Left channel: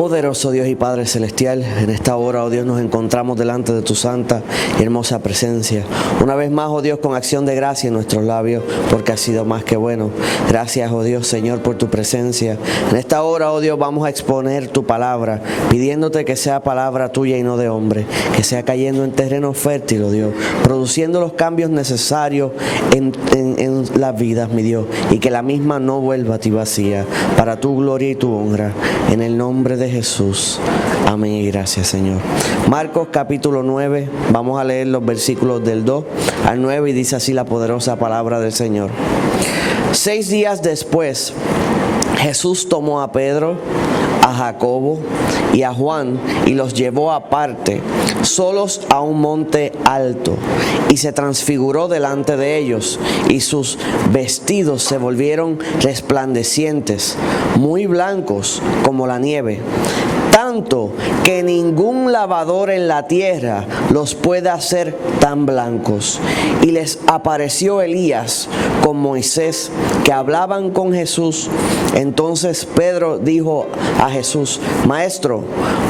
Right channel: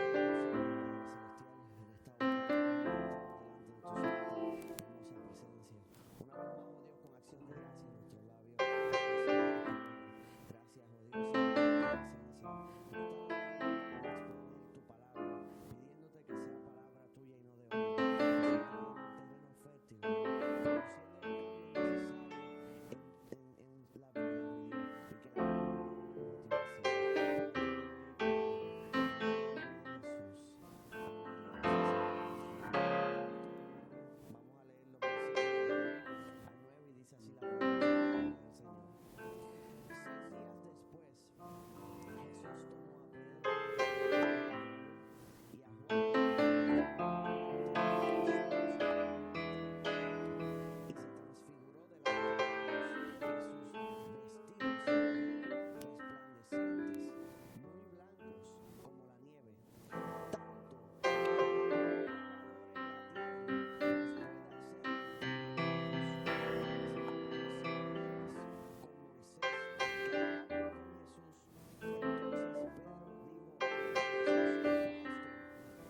Poderoso Dios y Padre Celestial, en esta hora, oh Dios, nos encontramos delante de tu santa y hermosa presencia. Una vez más, oh Dios, con acción de gracia en nuestros labios, porque has sido más que bueno. Gracias, oh Dios, Señor, por tu presencia. En esta hora, oh Dios, vamos a exponer tu palabra, pidiéndote que sea palabra tuya y no de hombre, que sea cayendo en terreno fértil, oh Dios, produciendo los cambios necesarios en las vidas, mi Dios, y que la misma no vuelva a ti vacía, para tu gloria y tu honra, en el nombre de Jesús. Amén y gracias, Señor. Marcos capítulo 9, vamos a leer los versículos del 2 al 9 y dice así la poderosa palabra del Señor. 6 días después, Jesús tomó a Pedro, a Jacobo y a Juan y los llevó aparte, solos a un monte alto, y se transfiguró delante de ellos, y sus vestidos se volvieron resplandecientes, muy blancos como la nieve, tanto que ningún lavador en la tierra los puede hacer tan blancos. Y les apareció Elías con Moisés, que hablaban con Jesús. Entonces Pedro dijo a Jesús: Maestro,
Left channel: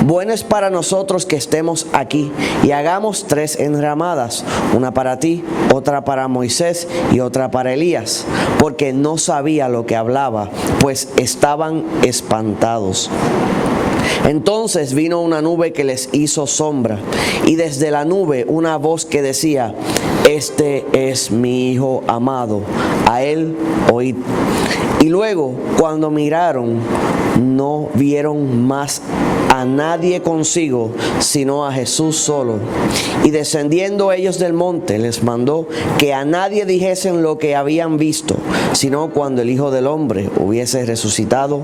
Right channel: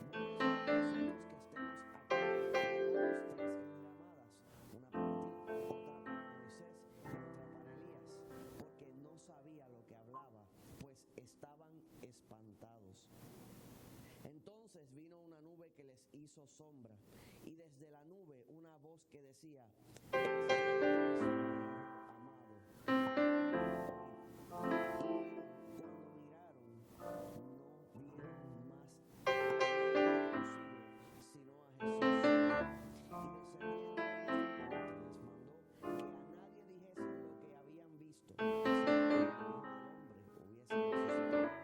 bueno es para nosotros que estemos aquí, y hagamos 3 enramadas, una para ti, otra para Moisés y otra para Elías, porque no sabía lo que hablaba, pues estaban espantados. Entonces vino una nube que les hizo sombra, y desde la nube una voz que decía: Este es mi Hijo amado, a él oíd. Y luego, cuando miraron, no vieron más a nadie consigo, sino a Jesús solo. Y descendiendo ellos del monte, les mandó que a nadie dijesen lo que habían visto, sino cuando el Hijo del Hombre hubiese resucitado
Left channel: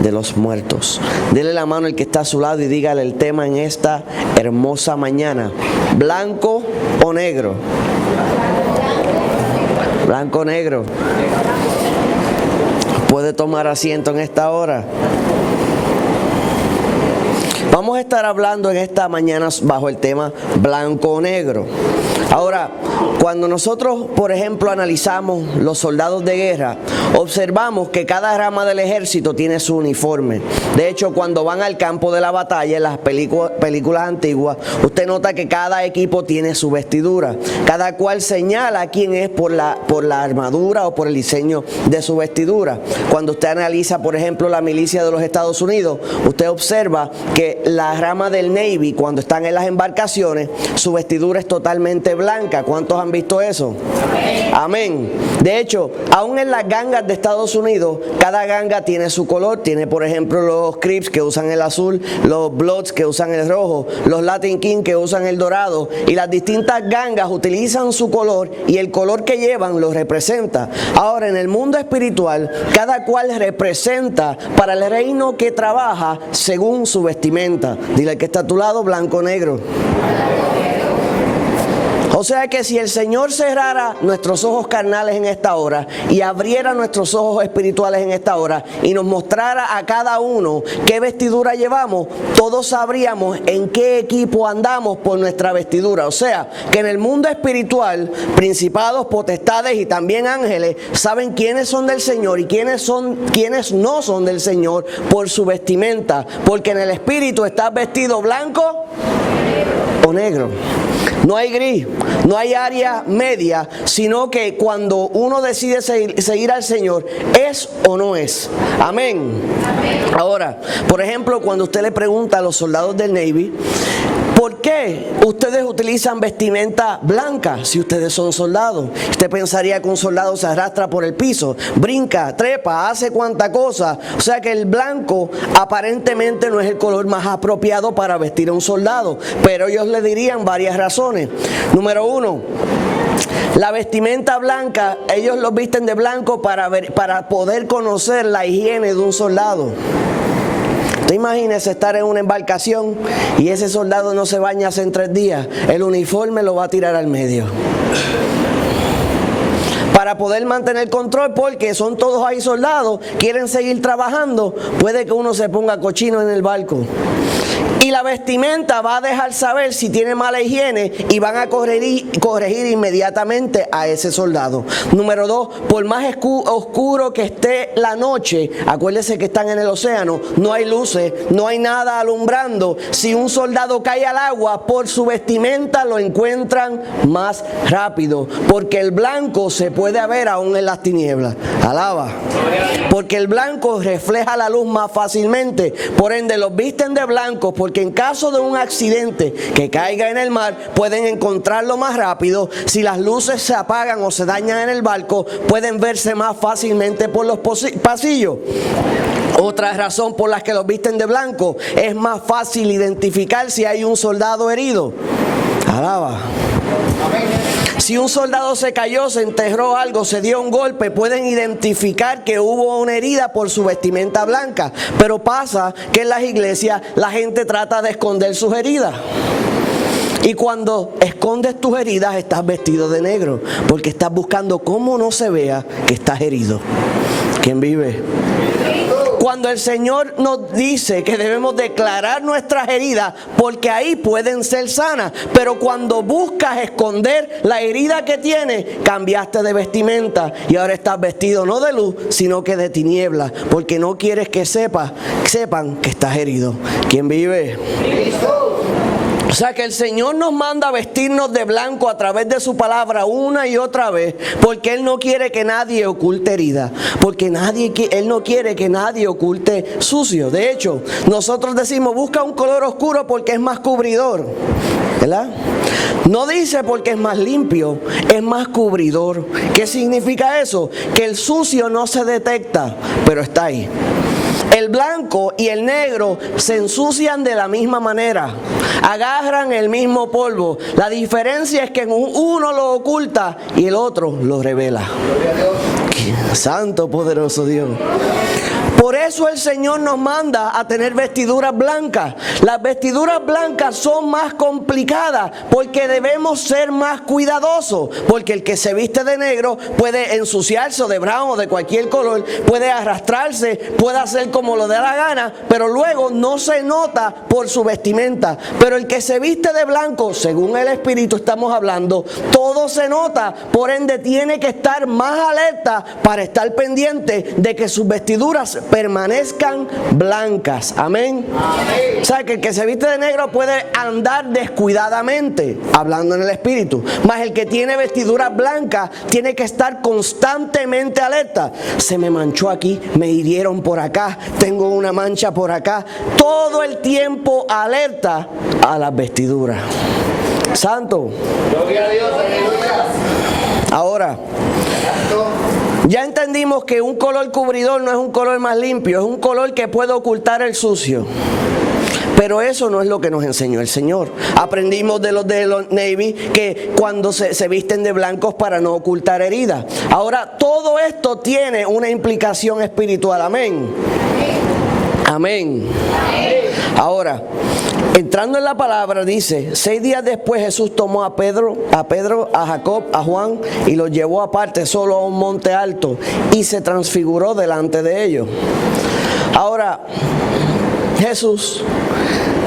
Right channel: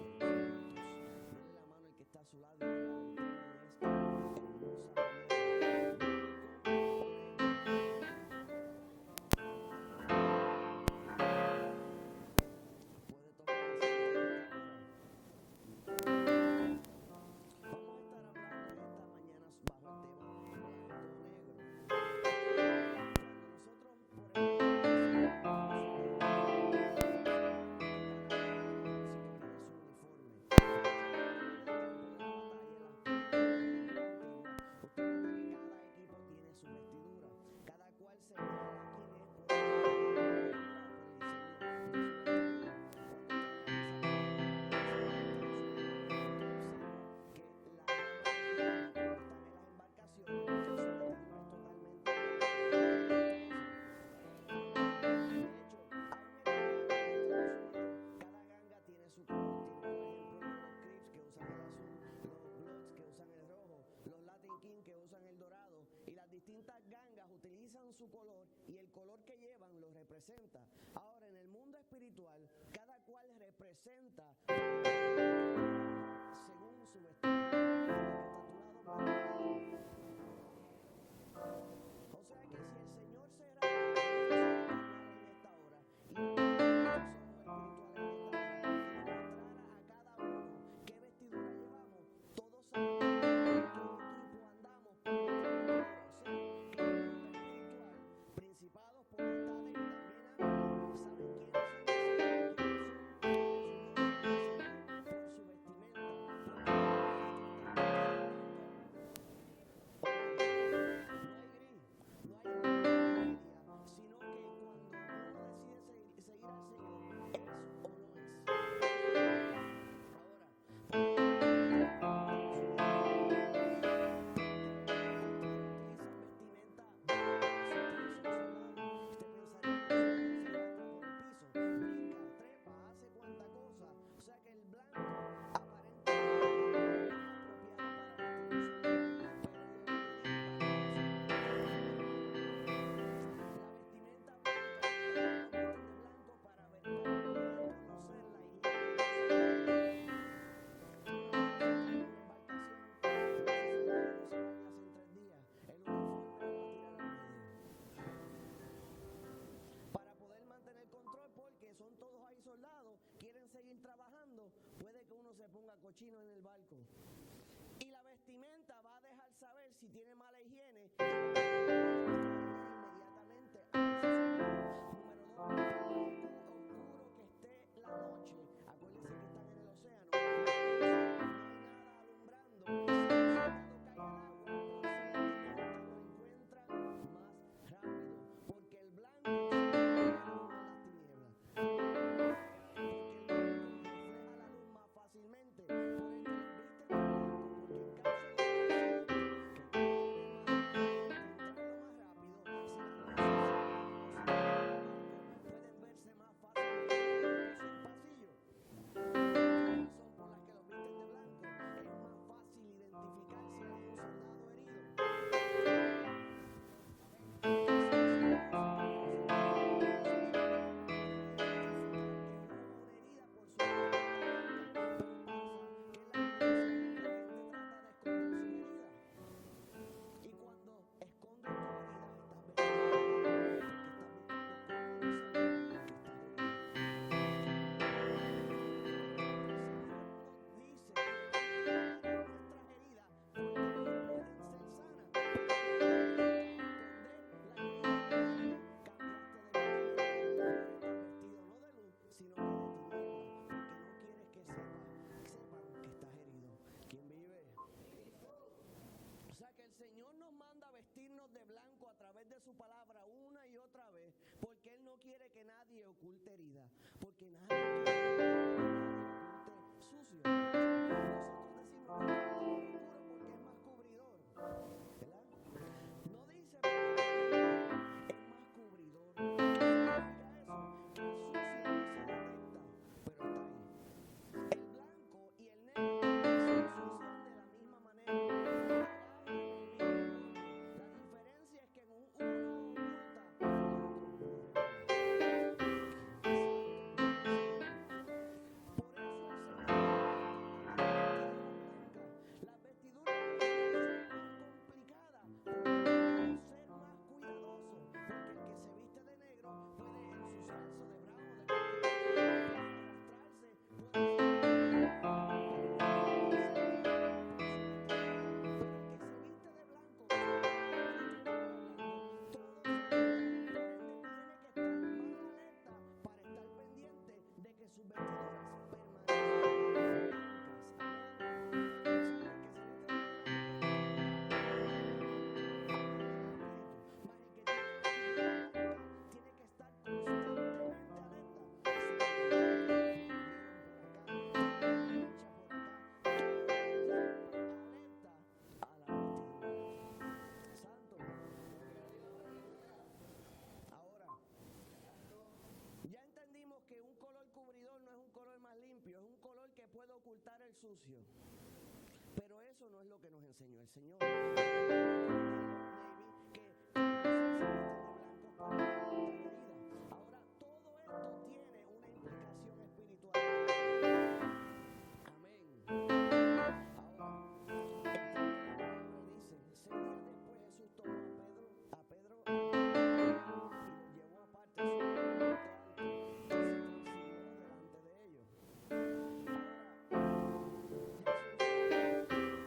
de los muertos. Dele la mano al que está a su lado y dígale el tema en esta hermosa mañana: ¿blanco o negro? Blanco o negro. ¿Puede tomar asiento en esta hora? Vamos a estar hablando en esta mañana bajo el tema blanco o negro. Ahora, cuando nosotros, por ejemplo, analizamos los soldados de guerra, observamos que cada rama del ejército tiene su uniforme. De hecho, cuando van al campo de la batalla, en las películas antiguas, usted nota que cada equipo tiene su vestidura. Cada cual señala quién es por la armadura o por el diseño de su vestidura. Cuando usted analiza, por ejemplo, la milicia de los Estados Unidos, usted observa que la rama del Navy, cuando están en las embarcaciones, su vestidura es totalmente blanca. ¿Cuántos han visto eso? Amén. De hecho, aún en las gangas de Estados Unidos, cada ganga tiene su color. Tiene, por ejemplo, los Crips que usan el azul, los Bloods que usan el rojo, los Latin Kings que usan el dorado, y las distintas gangas utilizan su color y el color que llevan los representa. Ahora, en el mundo espiritual, cada cual representa para el reino que trabaja según su vestimenta. Dile al que está a tu lado: blanco o negro. O sea que si el Señor cerrara nuestros ojos carnales en esta hora y abriera nuestros ojos espirituales en esta hora y nos mostrara a cada uno qué vestidura llevamos, todos sabríamos en qué equipo andamos por nuestra vestidura. O sea que en el mundo espiritual, principados, potestades y también ángeles saben quiénes son del Señor y quiénes no son del Señor por su vestimenta, porque en el espíritu estás vestido blanco o negro. No hay gris, no hay área media, sino que cuando uno decide seguir al Señor, ¿es o no es? Amén. Ahora, por ejemplo, cuando usted le pregunta a los soldados del Navy: ¿por qué ustedes utilizan vestimenta blanca si ustedes son soldados? Usted pensaría que un soldado se arrastra por el piso, brinca, trepa, hace cuanta cosa. O sea que el blanco aparentemente no es el color más apropiado para vestir a un soldado, pero ellos le dirían varias razones. Número 1, la vestimenta blanca, ellos los visten de blanco para poder conocer la higiene de un soldado. Usted imagínese estar en una embarcación y ese soldado no se baña hace 3 días. El uniforme lo va a tirar al medio. Para poder mantener control, porque son todos ahí soldados, quieren seguir trabajando, puede que uno se ponga cochino en el barco. Y la vestimenta va a dejar saber si tiene mala higiene y van a corregir inmediatamente a ese soldado. Número 2, por más oscuro que esté la noche, acuérdense que están en el océano, no hay luces, no hay nada alumbrando. Si un soldado cae al agua, por su vestimenta lo encuentran más rápido, porque el blanco se puede ver aún en las tinieblas. Alaba. Porque el blanco refleja la luz más fácilmente. Por ende, los visten de blanco, porque en caso de un accidente que caiga en el mar, pueden encontrarlo más rápido. Si las luces se apagan o se dañan en el barco, pueden verse más fácilmente por los pasillos. Otra razón por la que los visten de blanco, es más fácil identificar si hay un soldado herido. Alaba. Si un soldado se cayó, se enterró algo, se dio un golpe, pueden identificar que hubo una herida por su vestimenta blanca. Pero pasa que en las iglesias la gente trata de esconder sus heridas. Y cuando escondes tus heridas, estás vestido de negro, porque estás buscando cómo no se vea que estás herido. ¿Quién vive? Cuando el Señor nos dice que debemos declarar nuestras heridas, porque ahí pueden ser sanas, pero cuando buscas esconder la herida que tienes, cambiaste de vestimenta y ahora estás vestido no de luz, sino que de tinieblas, porque no quieres que sepan que estás herido. ¿Quién vive? O sea que el Señor nos manda a vestirnos de blanco a través de su palabra una y otra vez, porque Él no quiere que nadie oculte herida, porque Él no quiere que nadie oculte sucio. De hecho, nosotros decimos, busca un color oscuro porque es más cubridor, ¿verdad? No dice porque es más limpio, es más cubridor. ¿Qué significa eso? Que el sucio no se detecta, pero está ahí. El blanco y el negro se ensucian de la misma manera, agarran el mismo polvo. La diferencia es que uno lo oculta y el otro lo revela. Santo, poderoso Dios. Por eso el Señor nos manda a tener vestiduras blancas. Las vestiduras blancas son más complicadas porque debemos ser más cuidadosos. Porque el que se viste de negro puede ensuciarse, o de brown o de cualquier color, puede arrastrarse, puede hacer como lo dé la gana, pero luego no se nota por su vestimenta. Pero el que se viste de blanco, según el Espíritu estamos hablando, todo se nota. Por ende tiene que estar más alerta para estar pendiente de que sus vestiduras permanezcan blancas. Amén. Amén. O sea, que el que se viste de negro puede andar descuidadamente, hablando en el Espíritu. Mas el que tiene vestiduras blancas tiene que estar constantemente alerta. Se me manchó aquí, me hirieron por acá, tengo una mancha por acá. Todo el tiempo alerta a las vestiduras. Santo. Gloria a Dios, aleluya. Ahora, ya entendimos que un color cubridor no es un color más limpio, es un color que puede ocultar el sucio. Pero eso no es lo que nos enseñó el Señor. Aprendimos de los Navy que cuando se visten de blancos para no ocultar heridas. Ahora, todo esto tiene una implicación espiritual. Amén. Amén. Ahora, entrando en la palabra, dice, 6 días después Jesús tomó a Pedro, a Jacob, a Juan y los llevó aparte solo a un monte alto y se transfiguró delante de ellos. Ahora, Jesús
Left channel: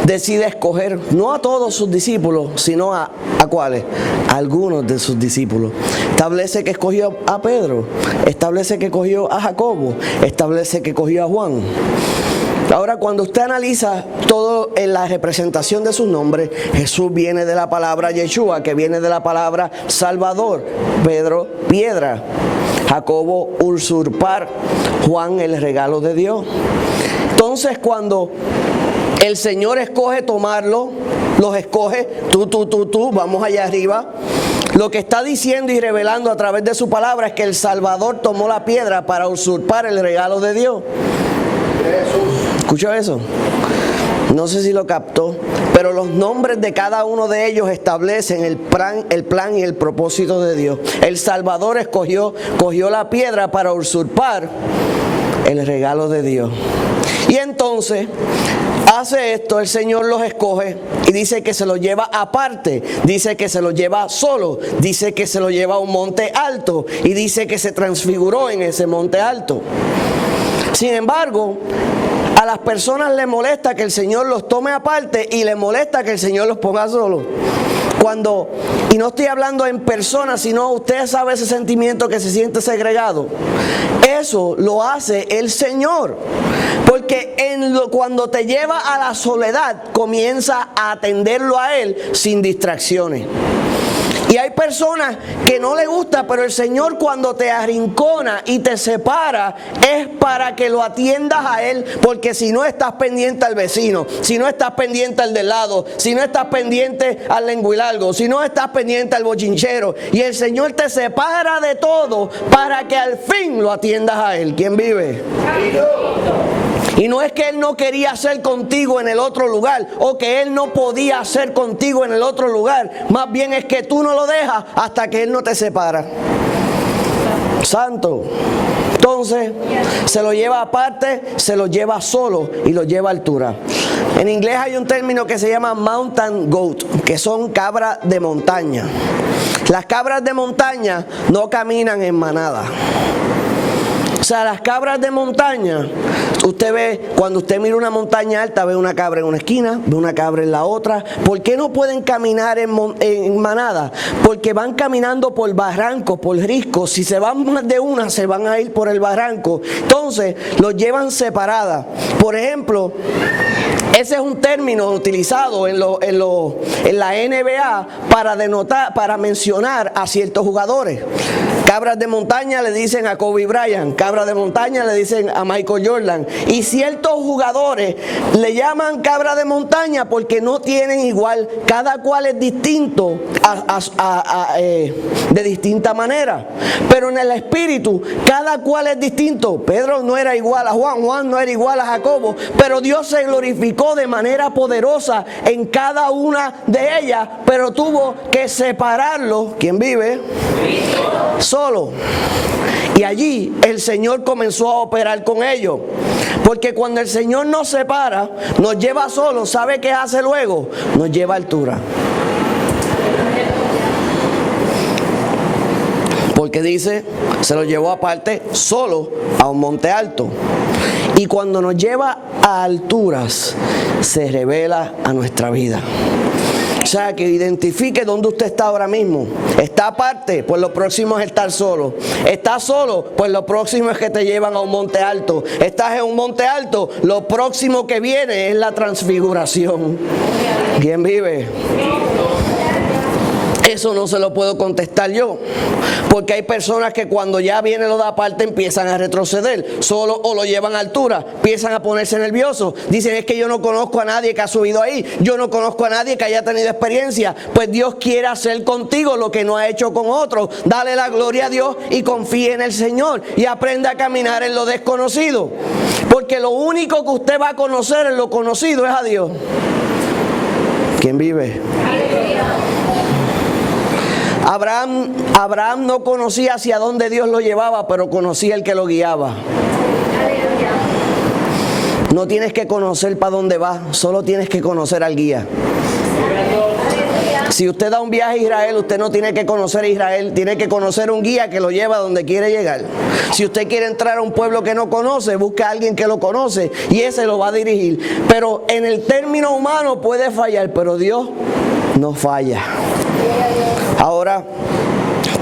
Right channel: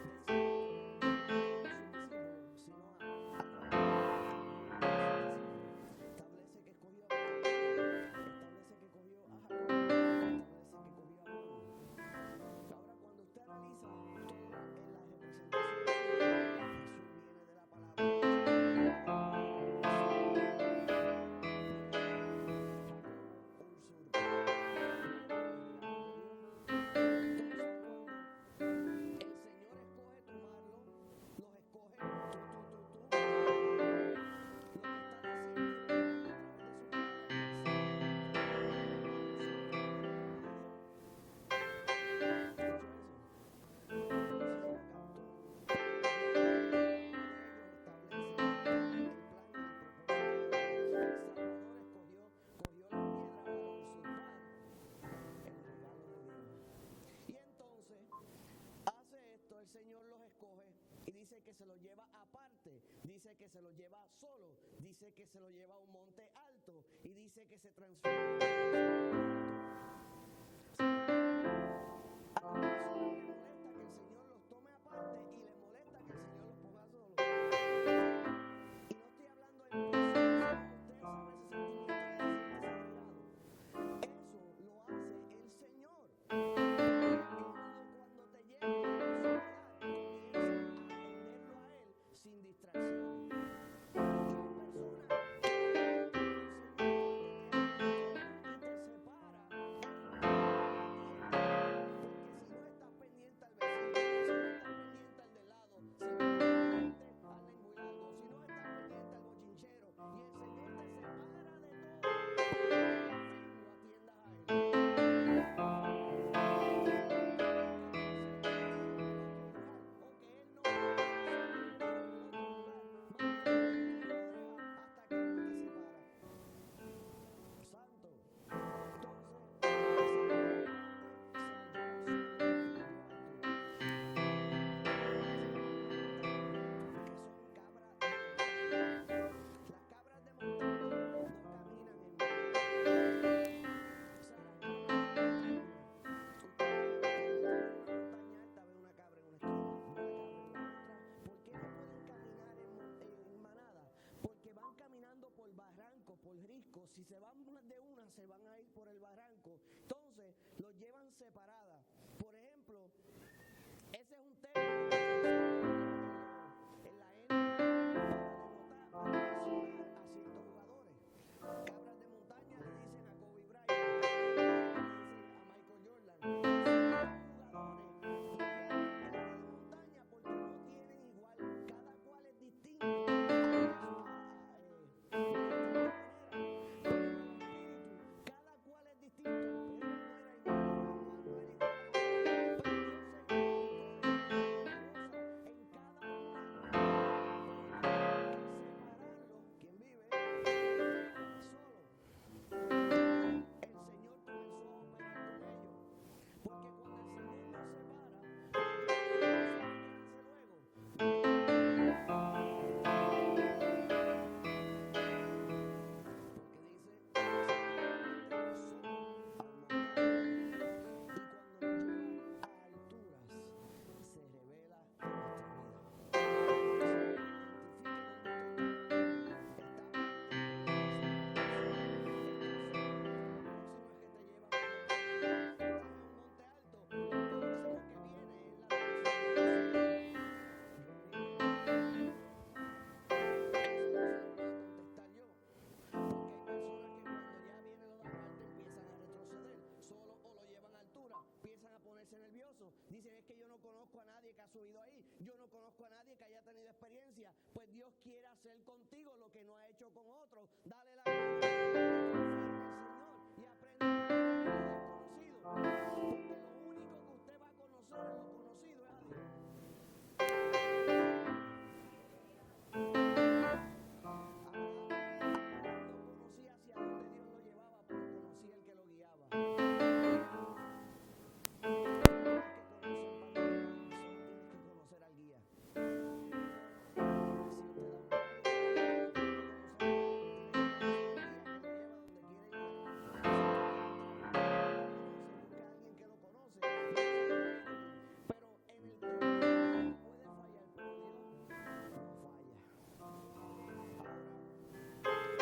decide escoger no a todos sus discípulos, sino a ¿cuáles? A algunos de sus discípulos. Establece que escogió a Pedro, establece que escogió a Jacobo, establece que escogió a Juan. Ahora, cuando usted analiza todo en la representación de sus nombres, Jesús viene de la palabra Yeshua, que viene de la palabra Salvador. Pedro, piedra. Jacobo, usurpar. Juan, el regalo de Dios. Entonces, cuando el Señor escoge tomarlo, los escoge, tú, vamos allá arriba. Lo que está diciendo y revelando a través de su palabra es que el Salvador tomó la piedra para usurpar el regalo de Dios. ¿Escuchó eso? No sé si lo captó, pero los nombres de cada uno de ellos establecen el plan y el propósito de Dios. El Salvador cogió la piedra para usurpar el regalo de Dios. Y entonces hace esto, el Señor los escoge y dice que se los lleva aparte, dice que se los lleva solo, dice que se los lleva a un monte alto y dice que se transfiguró en ese monte alto. Sin embargo, A las personas les molesta que el Señor los tome aparte y les molesta que el Señor los ponga solos. Y no estoy hablando en persona, sino usted sabe ese sentimiento que se siente segregado. Eso lo hace el Señor. Porque cuando te lleva a la soledad, comienza a atenderlo a Él sin distracciones. Y hay personas que no le gusta, pero el Señor cuando te arrincona y te separa es para que lo atiendas a Él, porque si no estás pendiente al vecino, si no estás pendiente al del lado, si no estás pendiente al lenguilargo, si no estás pendiente al bochinchero, y el Señor te separa de todo para que al fin lo atiendas a Él. ¿Quién vive? Y no es que Él no quería hacer contigo en el otro lugar o que Él no podía hacer contigo en el otro lugar. Más bien es que tú no lo dejas hasta que Él no te separa. Santo. Entonces, se lo lleva aparte, se lo lleva solo y lo lleva a altura. En inglés hay un término que se llama mountain goat, que son cabras de montaña. Las cabras de montaña no caminan en manada. O sea, las cabras de montaña, usted ve, cuando usted mira una montaña alta, ve una cabra en una esquina, ve una cabra en la otra. ¿Por qué no pueden caminar en manada? Porque van caminando por barrancos, por riscos. Si se van más de una, se van a ir por el barranco. Entonces, los llevan separadas. Por ejemplo, ese es un término utilizado en la NBA para denotar, para mencionar a ciertos jugadores. Cabras de montaña le dicen a Kobe Bryant, cabras de montaña le dicen a Michael Jordan. Y ciertos jugadores le llaman cabra de montaña porque no tienen igual, cada cual es distinto de distinta manera. Pero en el espíritu, cada cual es distinto. Pedro no era igual a Juan, Juan no era igual a Jacobo, pero Dios se glorificó de manera poderosa en cada una de ellas, pero tuvo que separarlo. ¿Quién vive? Solo. Y allí el Señor comenzó a operar con ellos. Porque cuando el Señor nos separa, nos lleva solo, ¿sabe qué hace luego? Nos lleva a altura. Porque dice, se lo llevó aparte solo a un monte alto. Y cuando nos lleva a alturas, se revela a nuestra vida. O sea, que identifique dónde usted está ahora mismo. Está aparte, pues lo próximo es estar solo. Está solo, pues lo próximo es que te llevan a un monte alto. Estás en un monte alto, lo próximo que viene es la transfiguración. ¿Quién vive? Eso no se lo puedo contestar yo, porque hay personas que cuando ya viene lo de aparte empiezan a retroceder, solo o lo llevan a altura, empiezan a ponerse nerviosos, dicen es que yo no conozco a nadie que ha subido ahí, yo no conozco a nadie que haya tenido experiencia. Pues Dios quiere hacer contigo lo que no ha hecho con otros. Dale la gloria a Dios y confíe en el Señor y aprenda a caminar en lo desconocido, porque lo único que usted va a conocer en lo conocido es a Dios. ¿Quién vive? Abraham no conocía hacia dónde Dios lo llevaba, pero conocía el que lo guiaba. No tienes que conocer para dónde vas, solo tienes que conocer al guía. Si usted da un viaje a Israel, usted no tiene que conocer a Israel, tiene que conocer un guía que lo lleva a donde quiere llegar. Si usted quiere entrar a un pueblo que no conoce, busca a alguien que lo conoce y ese lo va a dirigir. Pero en el término humano puede fallar, pero Dios no falla. Ahora,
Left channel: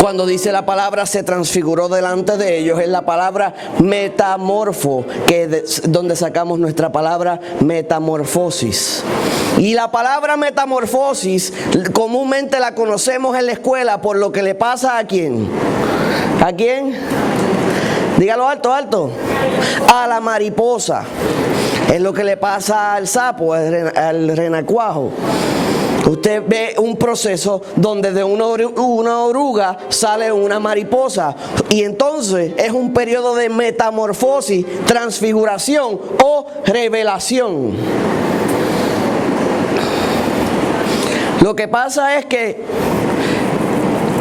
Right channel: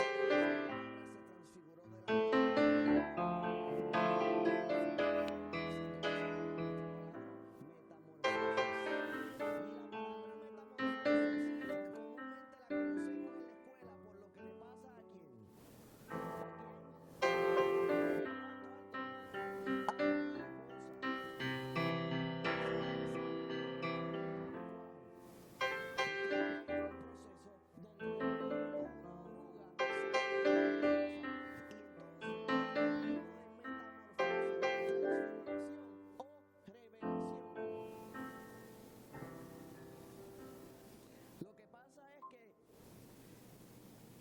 cuando dice la palabra se transfiguró delante de ellos, es la palabra metamorfo, que es donde sacamos nuestra palabra metamorfosis. Y la palabra metamorfosis comúnmente la conocemos en la escuela por lo que le pasa a ¿quién? ¿A quién? Dígalo alto, alto. A la mariposa. Es lo que le pasa al sapo, al renacuajo. Usted ve un proceso donde de una oruga sale una mariposa y entonces es un periodo de metamorfosis, transfiguración o revelación. Lo que pasa es que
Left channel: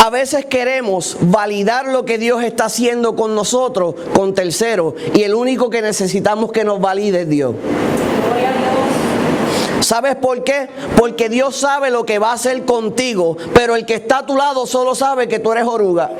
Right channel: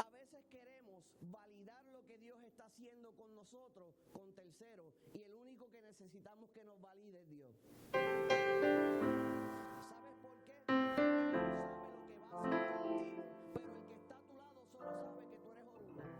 a veces queremos validar lo que Dios está haciendo con nosotros, con terceros, y el único que necesitamos que nos valide es Dios. ¿Sabes por qué? Porque Dios sabe lo que va a hacer contigo, pero el que está a tu lado solo sabe que tú eres oruga.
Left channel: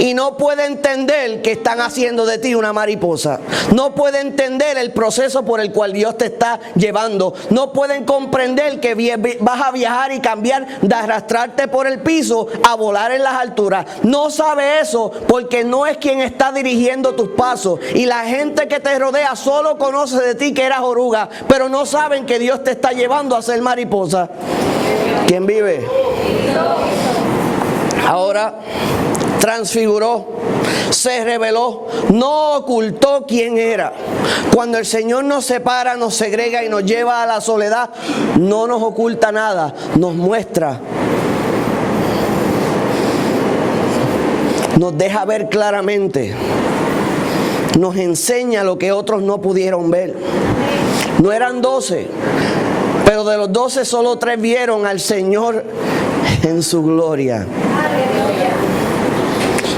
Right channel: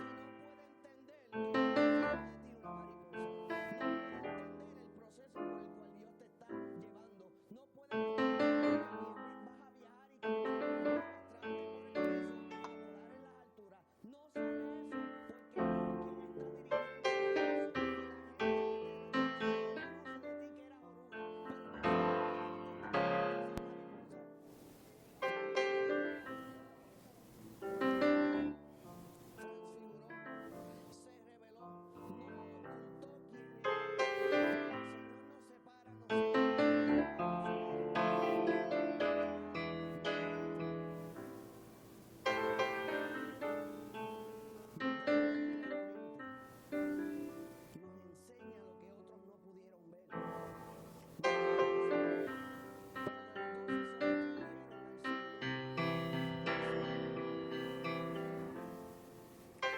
y no puede entender que están haciendo de ti una mariposa. No puede entender el proceso por el cual Dios te está llevando. No pueden comprender que vas a viajar y cambiar de arrastrarte por el piso a volar en las alturas. No sabe eso porque no es quien está dirigiendo tus pasos. Y la gente que te rodea solo conoce de ti que eras oruga, pero no saben que Dios te está llevando a ser mariposa. ¿Quién vive? Ahora transfiguró, se reveló, no ocultó quién era. Cuando el Señor nos separa, nos segrega y nos lleva a la soledad, no nos oculta nada, nos muestra, nos deja ver claramente, nos enseña lo que otros no pudieron ver. No eran 12, pero de los 12 solo 3 vieron al Señor en su gloria.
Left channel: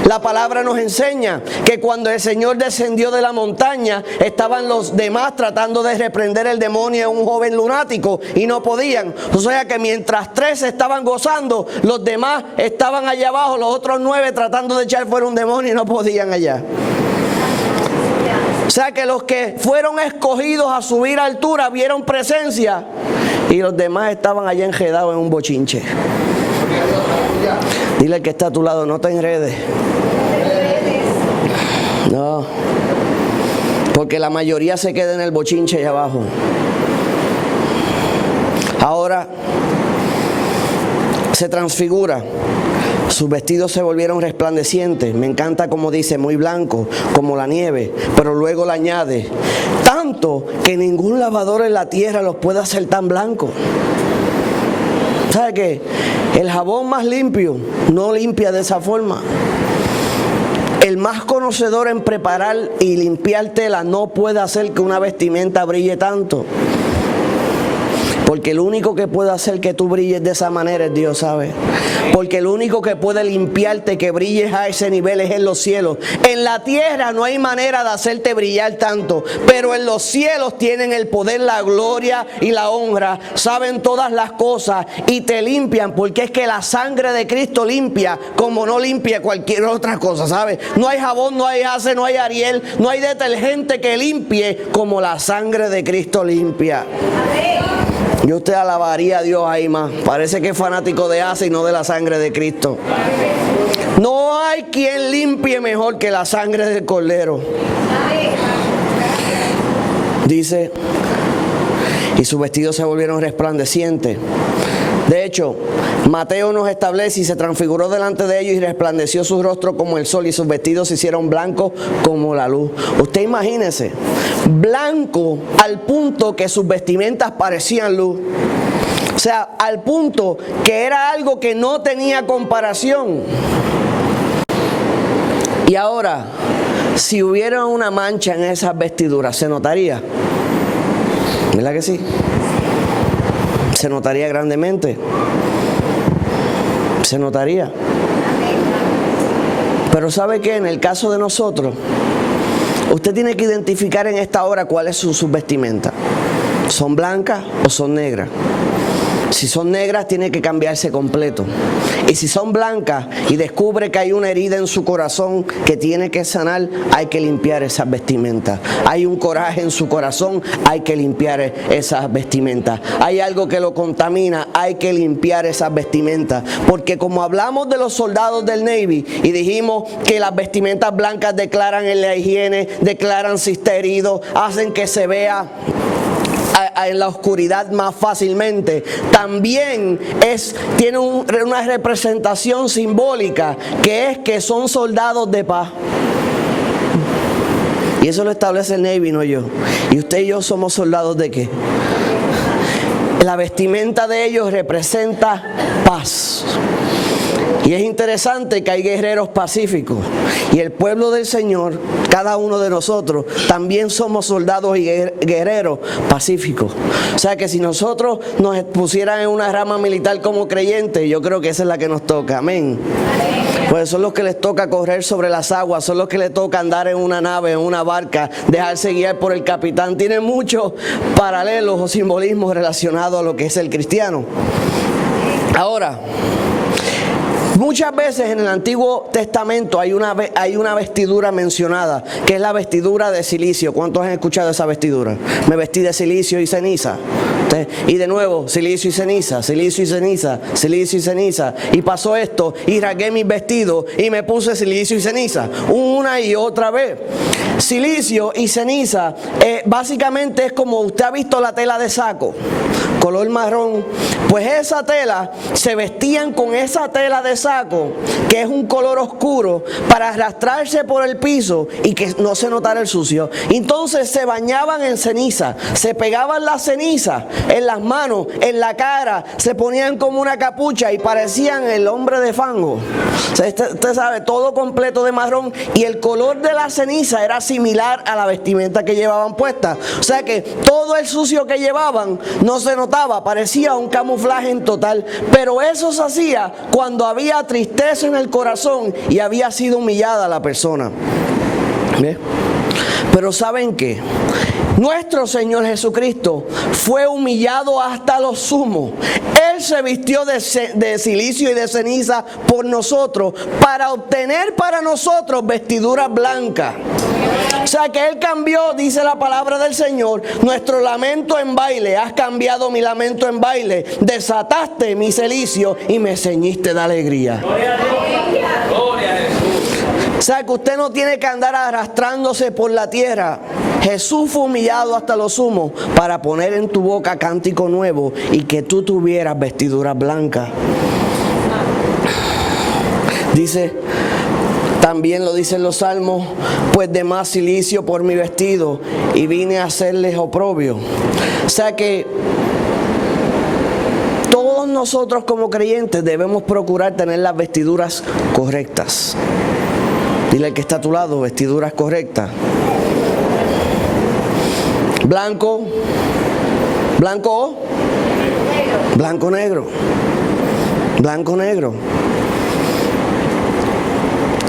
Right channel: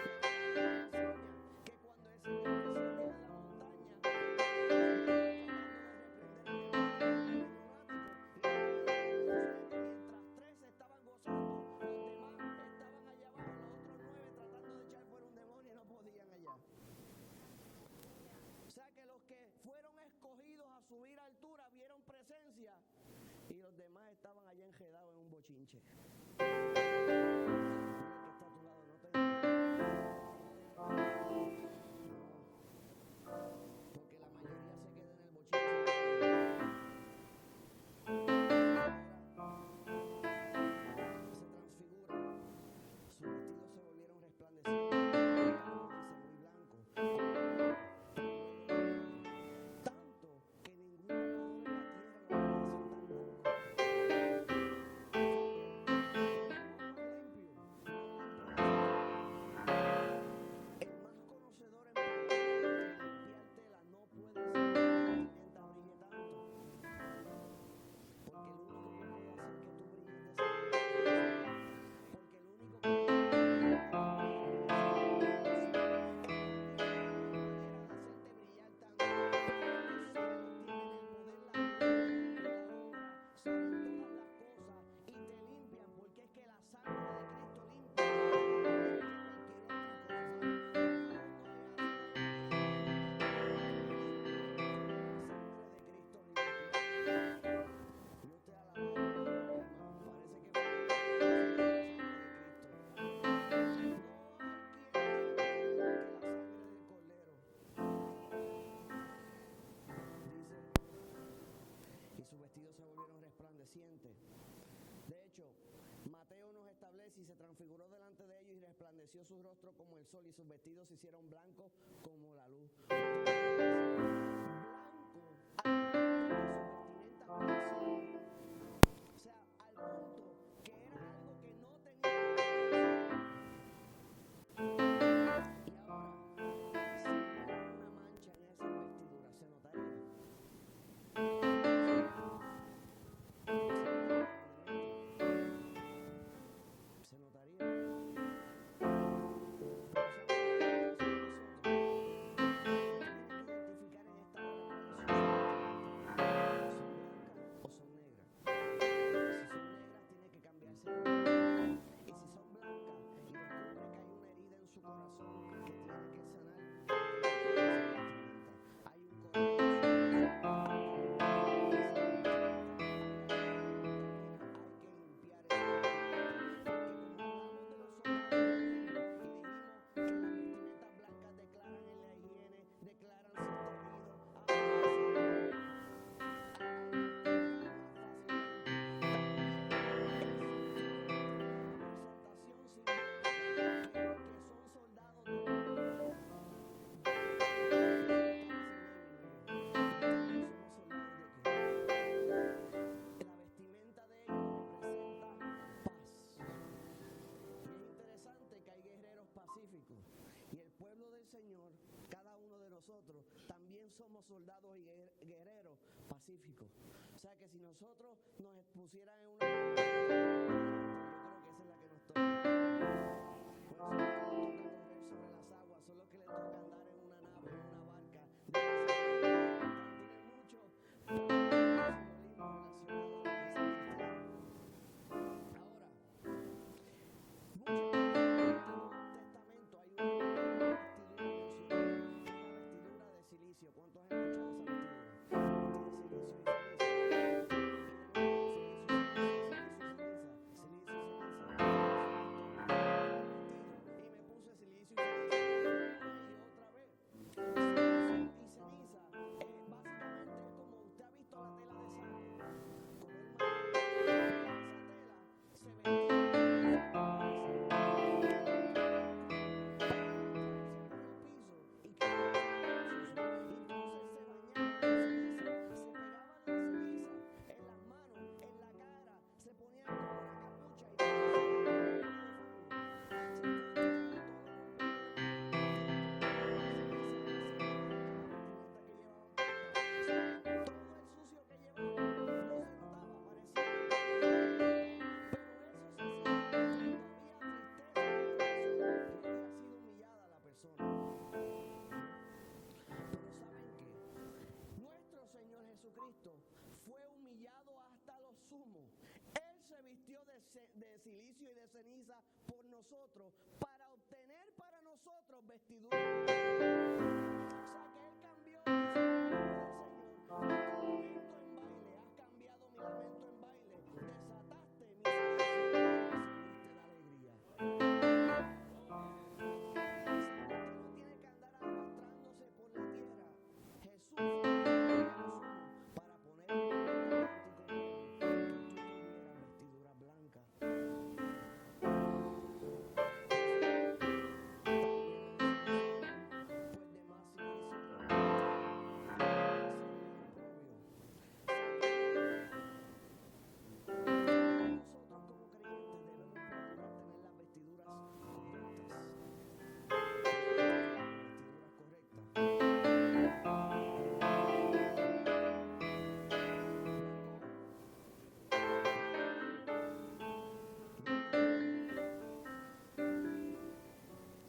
La palabra nos enseña que cuando el Señor descendió de la montaña, estaban los demás tratando de reprender el demonio a un joven lunático y no podían. O sea que mientras 3 estaban gozando, los demás estaban allá abajo, los otros 9 tratando de echar fuera un demonio y no podían allá. O sea que los que fueron escogidos a subir a altura vieron presencia y los demás estaban allá enredados en un bochinche. Dile al que está a tu lado, no te enredes. No, porque la mayoría se queda en el bochinche allá abajo. Ahora se transfigura. Sus vestidos se volvieron resplandecientes. Me encanta como dice, muy blanco, como la nieve. Pero luego le añade, tanto que ningún lavador en la tierra los puede hacer tan blancos. ¿Sabe qué? El jabón más limpio no limpia de esa forma. El más conocedor en preparar y limpiar tela no puede hacer que una vestimenta brille tanto. Porque el único que puede hacer que tú brilles de esa manera es Dios, ¿sabe? Porque el único que puede limpiarte, que brilles a ese nivel, es en los cielos. En la tierra no hay manera de hacerte brillar tanto, pero en los cielos tienen el poder, la gloria y la honra. Saben todas las cosas y te limpian, porque es que la sangre de Cristo limpia como no limpia cualquier otra cosa, ¿sabes? No hay jabón, no hay Ace, no hay Ariel, no hay detergente que limpie como la sangre de Cristo limpia. Yo usted alabaría a Dios ahí más. Parece que es fanático de Ace y no de la sangre de Cristo. No hay quien limpie mejor que la sangre del Cordero. Dice, y sus vestidos se volvieron resplandecientes. De hecho, Mateo nos establece y se transfiguró delante de ellos y resplandeció su rostro como el sol y sus vestidos se hicieron blancos como la luz. Usted imagínese, blanco al punto que sus vestimentas parecían luz. O sea, al punto que era algo que no tenía comparación. Y ahora, si hubiera una mancha en esas vestiduras, ¿se notaría? ¿Verdad que sí? Se notaría grandemente. Se notaría. Pero ¿sabe qué? En el caso de nosotros, usted tiene que identificar en esta hora cuál es su vestimenta. ¿Son blancas o son negras? Si son negras, tiene que cambiarse completo. Y si son blancas y descubre que hay una herida en su corazón que tiene que sanar, hay que limpiar esas vestimentas. Hay un coraje en su corazón, hay que limpiar esas vestimentas. Hay algo que lo contamina, hay que limpiar esas vestimentas. Porque como hablamos de los soldados del Navy y dijimos que las vestimentas blancas declaran en la higiene, declaran si está herido, hacen que se vea en la oscuridad más fácilmente, también tiene una representación simbólica, que es que son soldados de paz. Y eso lo establece el Navy, no yo. ¿Y usted y yo somos soldados de qué? La vestimenta de ellos representa paz. Y es interesante que hay guerreros pacíficos. Y el pueblo del Señor, cada uno de nosotros, también somos soldados y guerreros pacíficos. O sea que si nosotros nos pusieran en una rama militar como creyentes, yo creo que esa es la que nos toca. Amén. Pues son los que les toca correr sobre las aguas, son los que les toca andar en una nave, en una barca, dejarse guiar por el capitán. Tiene muchos paralelos o simbolismos relacionados a lo que es el cristiano. Ahora, Muchas veces en el Antiguo Testamento hay una vestidura mencionada, que es la vestidura de silicio. ¿Cuántos han escuchado esa vestidura? Me vestí de silicio y ceniza. Y de nuevo, silicio y ceniza, silicio y ceniza, silicio y ceniza. Y pasó esto, y rasgué mis vestidos y me puse silicio y ceniza. Una y otra vez. Silicio y ceniza, básicamente es como usted ha visto la tela de saco, color marrón. Pues esa tela, se vestían con esa tela de saco, que es un color oscuro, para arrastrarse por el piso y que no se notara el sucio. Entonces se bañaban en ceniza, se pegaban la ceniza en las manos, en la cara, se ponían como una capucha y parecían el hombre de fango. Usted sabe, todo completo de marrón, y el color de la ceniza era similar a la vestimenta que llevaban puesta. O sea que todo el sucio que llevaban no se notaba, parecía un camuflaje en total. Pero eso se hacía cuando había tristeza en el corazón y había sido humillada la persona. ¿Ve? Pero ¿saben qué? Nuestro Señor Jesucristo fue humillado hasta lo sumo. Él se vistió de silicio y de ceniza por nosotros, para obtener para nosotros vestiduras blancas. O sea que Él cambió, dice la palabra del Señor, nuestro lamento en baile. Has cambiado mi lamento en baile. Desataste mi cilicio y me ceñiste de alegría. Gloria a Dios. O sea que usted no tiene que andar arrastrándose por la tierra. Jesús fue humillado hasta lo sumo para poner en tu boca cántico nuevo y que tú tuvieras vestiduras blancas. Dice, también lo dicen los salmos, pues de más silicio por mi vestido y vine a hacerles oprobio. O sea que todos nosotros como creyentes debemos procurar tener las vestiduras correctas. Dile al que está a tu lado, vestiduras correctas. Blanco, blanco, blanco, negro, blanco, negro.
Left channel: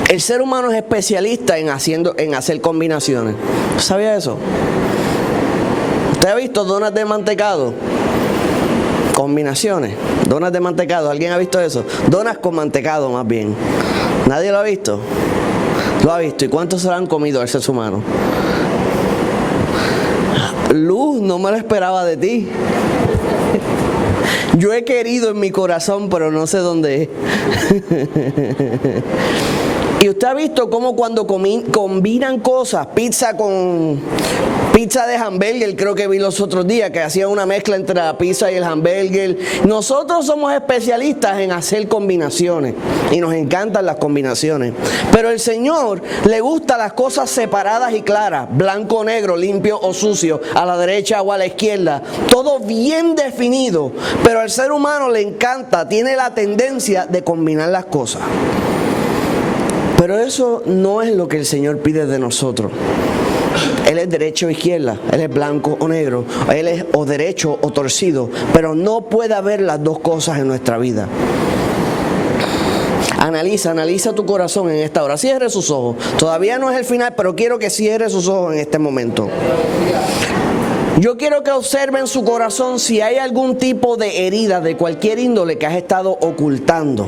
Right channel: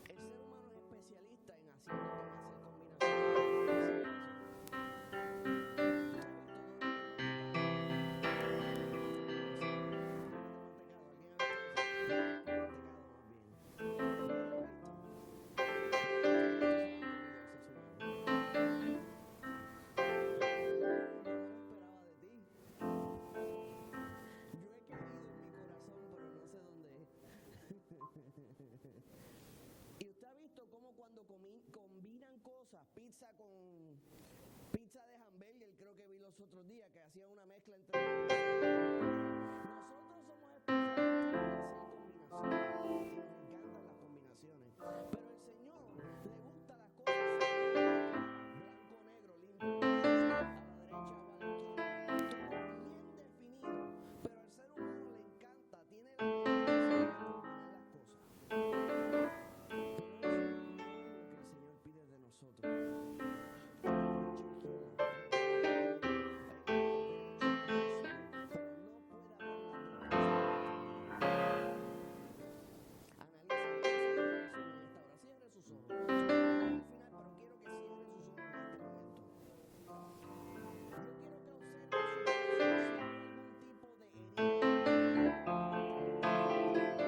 El ser humano es especialista en hacer combinaciones. ¿Sabía eso? ¿Usted ha visto donas de mantecado? Combinaciones, donas de mantecado. ¿Alguien ha visto eso? Donas con mantecado más bien. ¿Nadie lo ha visto? Lo ha visto. ¿Y cuántos se lo han comido el ser humano? Luz, no me lo esperaba de ti. Yo he querido en mi corazón, pero no sé dónde es. Y usted ha visto cómo cuando combinan cosas, pizza de hamburger, creo que vi los otros días, que hacían una mezcla entre la pizza y el hamburger. Nosotros somos especialistas en hacer combinaciones y nos encantan las combinaciones. Pero el Señor le gusta las cosas separadas y claras, blanco o negro, limpio o sucio, a la derecha o a la izquierda, todo bien definido. Pero al ser humano le encanta, tiene la tendencia de combinar las cosas. Pero eso no es lo que el Señor pide de nosotros. Él es derecho o izquierda, Él es blanco o negro, Él es o derecho o torcido, pero no puede haber las dos cosas en nuestra vida. Analiza tu corazón en esta hora. Cierre sus ojos. Todavía no es el final, pero quiero que cierre sus ojos en este momento. Yo quiero que observen su corazón si hay algún tipo de herida de cualquier índole que has estado ocultando.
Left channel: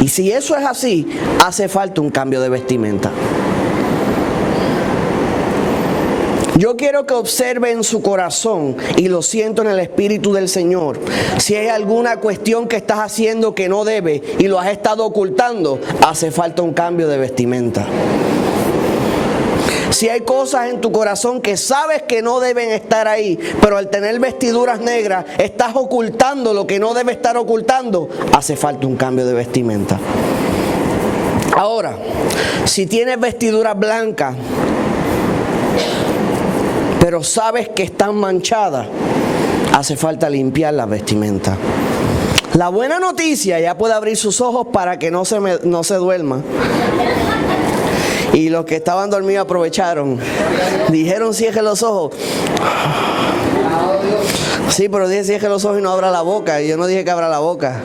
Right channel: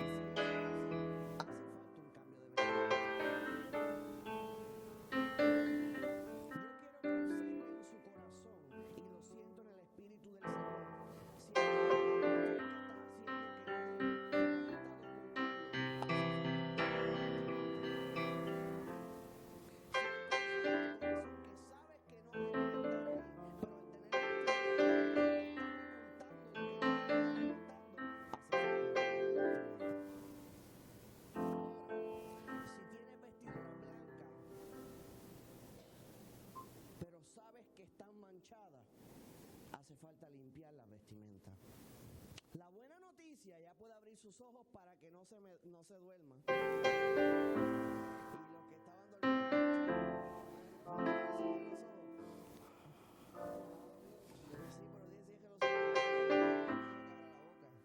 Y si eso es así, hace falta un cambio de vestimenta. Yo quiero que observen su corazón, y lo siento en el Espíritu del Señor. Si hay alguna cuestión que estás haciendo que no debe y lo has estado ocultando, hace falta un cambio de vestimenta. Si hay cosas en tu corazón que sabes que no deben estar ahí, pero al tener vestiduras negras estás ocultando lo que no debe estar ocultando, hace falta un cambio de vestimenta. Ahora, si tienes vestiduras blancas, pero sabes que están manchadas, hace falta limpiar las vestimentas. La buena noticia, ya puede abrir sus ojos para que no se duerma. Y los que estaban dormidos aprovecharon. Dijeron cierre los ojos. Sí, pero dije cierre los ojos y no abra la boca. Y yo no dije que abra la boca.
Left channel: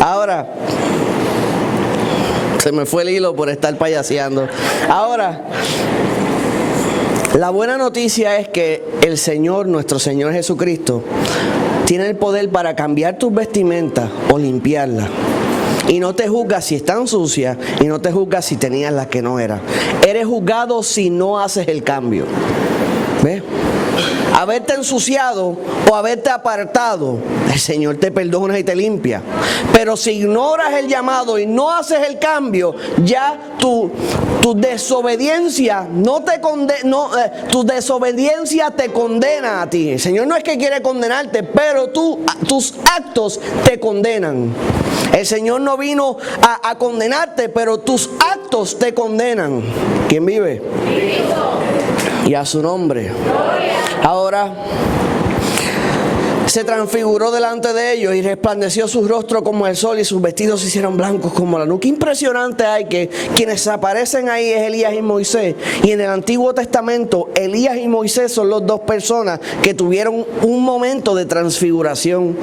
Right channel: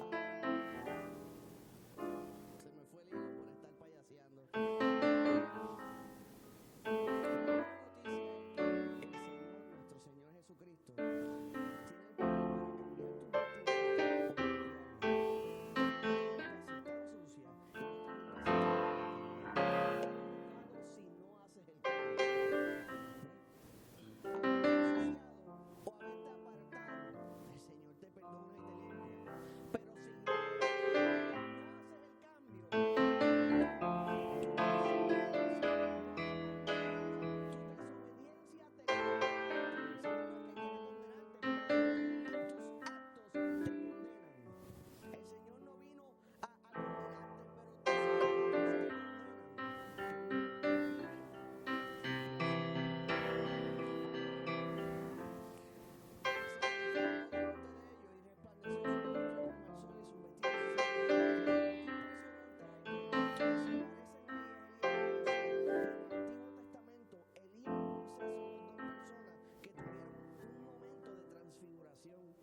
Ahora, se me fue el hilo por estar payaseando. Ahora, la buena noticia es que el Señor, nuestro Señor Jesucristo, tiene el poder para cambiar tus vestimentas o limpiarlas. Y no te juzga si están sucias y no te juzga si tenías las que no eran. Eres juzgado si no haces el cambio. ¿Ves? Haberte ensuciado o haberte apartado, el Señor te perdona y te limpia. Pero si ignoras el llamado y no haces el cambio, ya tu desobediencia tu desobediencia te condena a ti. El Señor no es que quiere condenarte, pero tus actos te condenan. El Señor no vino a condenarte, pero tus actos te condenan. ¿Quién vive? Y a su nombre. Ahora se transfiguró delante de ellos y resplandeció su rostro como el sol y sus vestidos se hicieron blancos como la luz. Qué impresionante hay que quienes aparecen ahí es Elías y Moisés. Y en el Antiguo Testamento, Elías y Moisés son las dos personas que tuvieron un momento de transfiguración.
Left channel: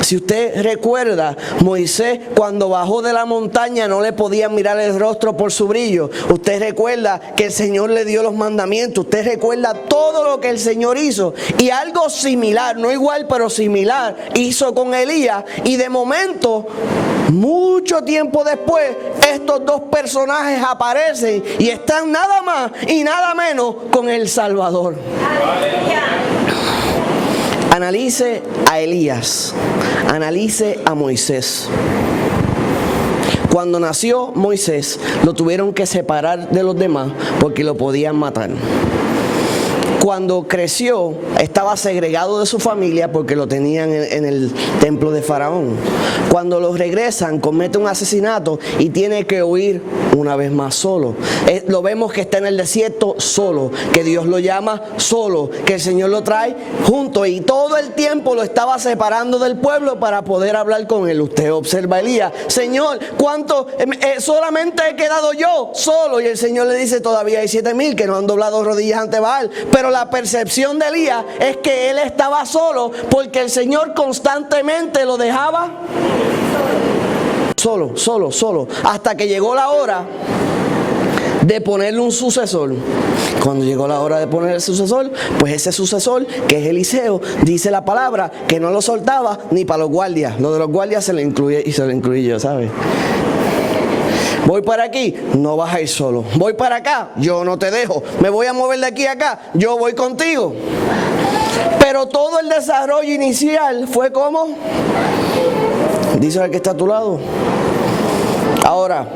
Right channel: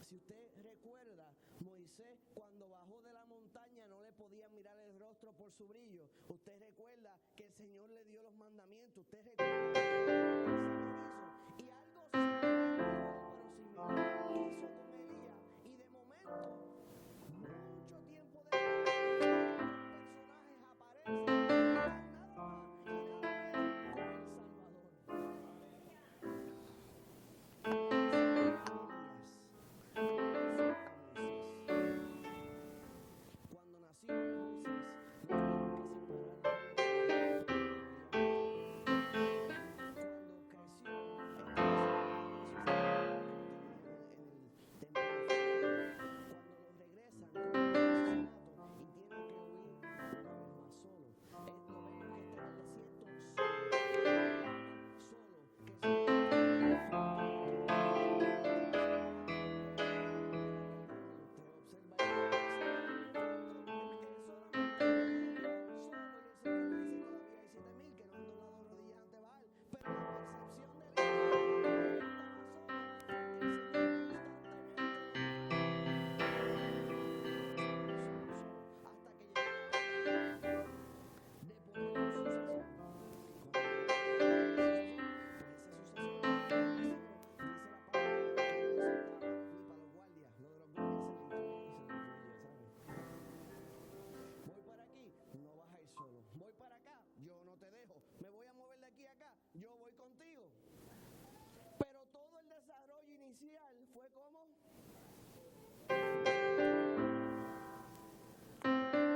Si usted recuerda, Moisés cuando bajó de la montaña no le podía mirar el rostro por su brillo. Usted recuerda que el Señor le dio los mandamientos. Usted recuerda todo lo que el Señor hizo. Y algo similar, no igual pero similar, hizo con Elías. Y de momento, mucho tiempo después, estos dos personajes aparecen y están nada más y nada menos con el Salvador. Analice a Elías, analice a Moisés. Cuando nació Moisés, lo tuvieron que separar de los demás porque lo podían matar. Cuando creció, estaba segregado de su familia porque lo tenían en el templo de Faraón. Cuando lo regresan, comete un asesinato y tiene que huir una vez más solo. Lo vemos que está en el desierto solo, que Dios lo llama solo, que el Señor lo trae junto y todo el tiempo lo estaba separando del pueblo para poder hablar con él. Usted observa a Elías, Señor, ¿cuánto? Solamente he quedado yo solo. Y el Señor le dice, todavía hay 7,000 que no han doblado rodillas ante Baal. Pero la percepción de Elías es que él estaba solo porque el Señor constantemente lo dejaba solo, hasta que llegó la hora de ponerle un sucesor. Cuando llegó la hora de poner el sucesor, pues ese sucesor, que es Eliseo, dice la palabra que no lo soltaba ni para los guardias. Lo de los guardias se le incluye y se lo incluí yo, ¿sabes? Voy para aquí, no vas a ir solo. Voy para acá, yo no te dejo. Me voy a mover de aquí a acá, yo voy contigo. Pero todo el desarrollo inicial fue como, dice el que está a tu lado. Ahora,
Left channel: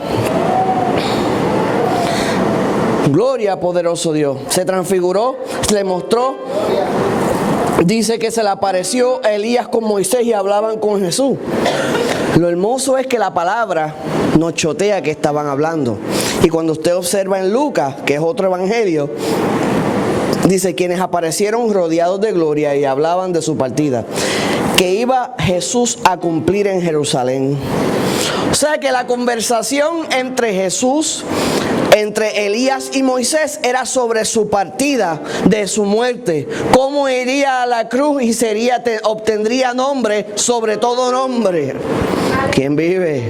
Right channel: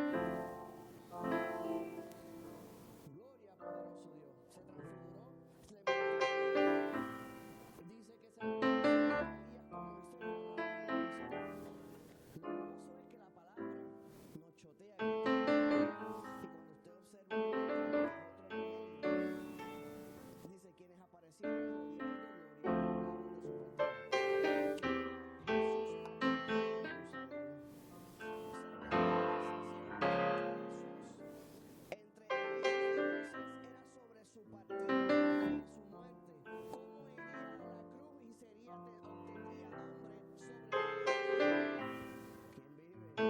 gloria a poderoso Dios. Se transfiguró, se le mostró. Dice que se le apareció a Elías con Moisés y hablaban con Jesús. Lo hermoso es que la palabra nos chotea que estaban hablando. Y cuando usted observa en Lucas, que es otro evangelio, dice, quienes aparecieron rodeados de gloria y hablaban de su partida, que iba Jesús a cumplir en Jerusalén. O sea que la conversación entre Jesús, entre Elías y Moisés era sobre su partida, de su muerte, cómo iría a la cruz y obtendría nombre sobre todo nombre. ¿Quién vive?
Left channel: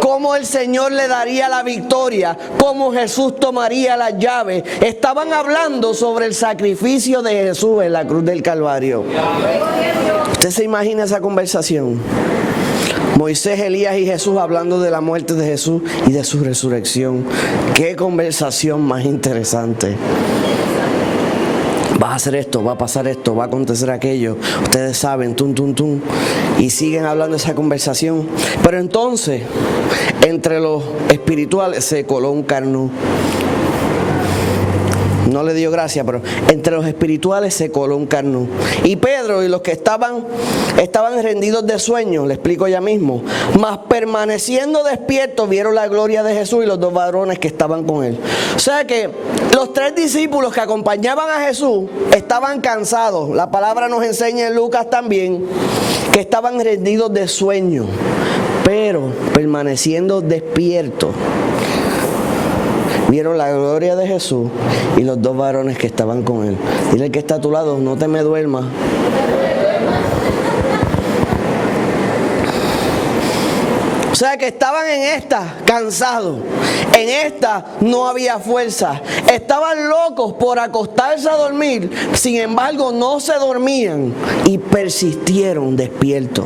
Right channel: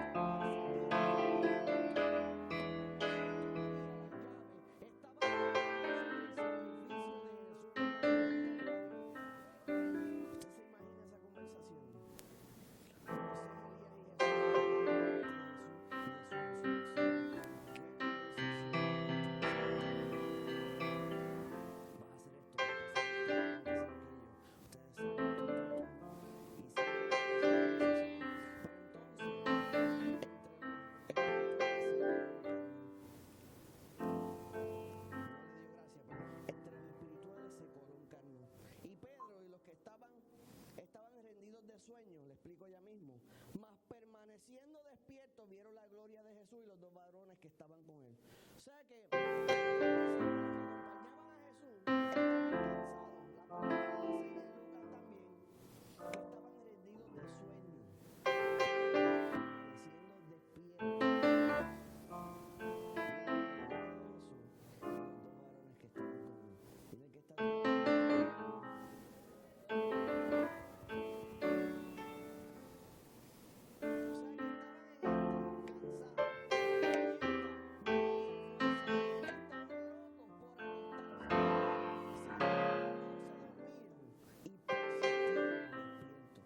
Cómo el Señor le daría la victoria, cómo Jesús tomaría las llaves. Estaban hablando sobre el sacrificio de Jesús en la cruz del Calvario. ¿Usted se imagina esa conversación? Moisés, Elías y Jesús hablando de la muerte de Jesús y de su resurrección. Qué conversación más interesante. Va a hacer esto, va a pasar esto, va a acontecer aquello. Ustedes saben, tum. Y siguen hablando de esa conversación. Pero entonces, entre los espirituales se coló un carnú. No le dio gracia, pero entre los espirituales se coló un carnú. Y Pedro y los que estaban rendidos de sueño, le explico ya mismo, mas permaneciendo despiertos vieron la gloria de Jesús y los dos varones que estaban con él. O sea que los 3 discípulos que acompañaban a Jesús estaban cansados. La palabra nos enseña en Lucas también que estaban rendidos de sueño, pero permaneciendo despiertos. Vieron la gloria de Jesús y los 2 varones que estaban con él. Dile al que está a tu lado, no te me duermas. O sea que estaban en esta cansados, en esta no había fuerza, estaban locos por acostarse a dormir, sin embargo no se dormían y persistieron despiertos.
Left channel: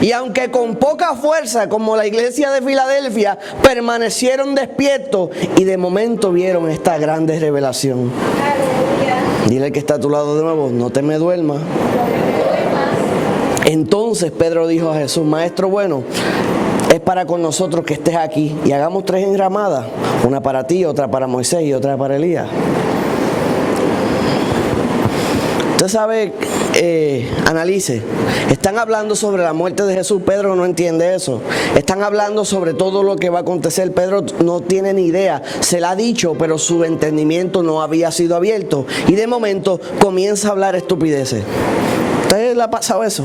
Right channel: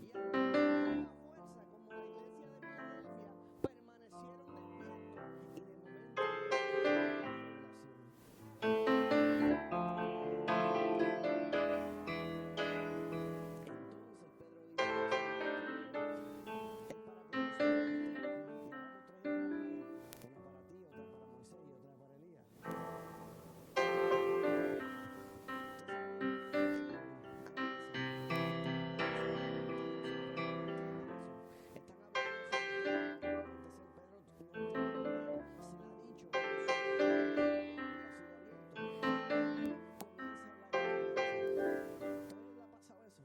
Y aunque con poca fuerza, como la iglesia de Filadelfia, permanecieron despiertos y de momento vieron esta grande revelación. Dile al que está a tu lado de nuevo, no te me duermas. Entonces Pedro dijo a Jesús, Maestro bueno, es para con nosotros que estés aquí y hagamos 3 enramadas, una para ti, otra para Moisés y otra para Elías. Usted sabe, analice, están hablando sobre la muerte de Jesús, Pedro no entiende eso. Están hablando sobre todo lo que va a acontecer, Pedro no tiene ni idea, se la ha dicho, pero su entendimiento no había sido abierto. Y de momento comienza a hablar estupideces. ¿Ustedes le ha pasado eso?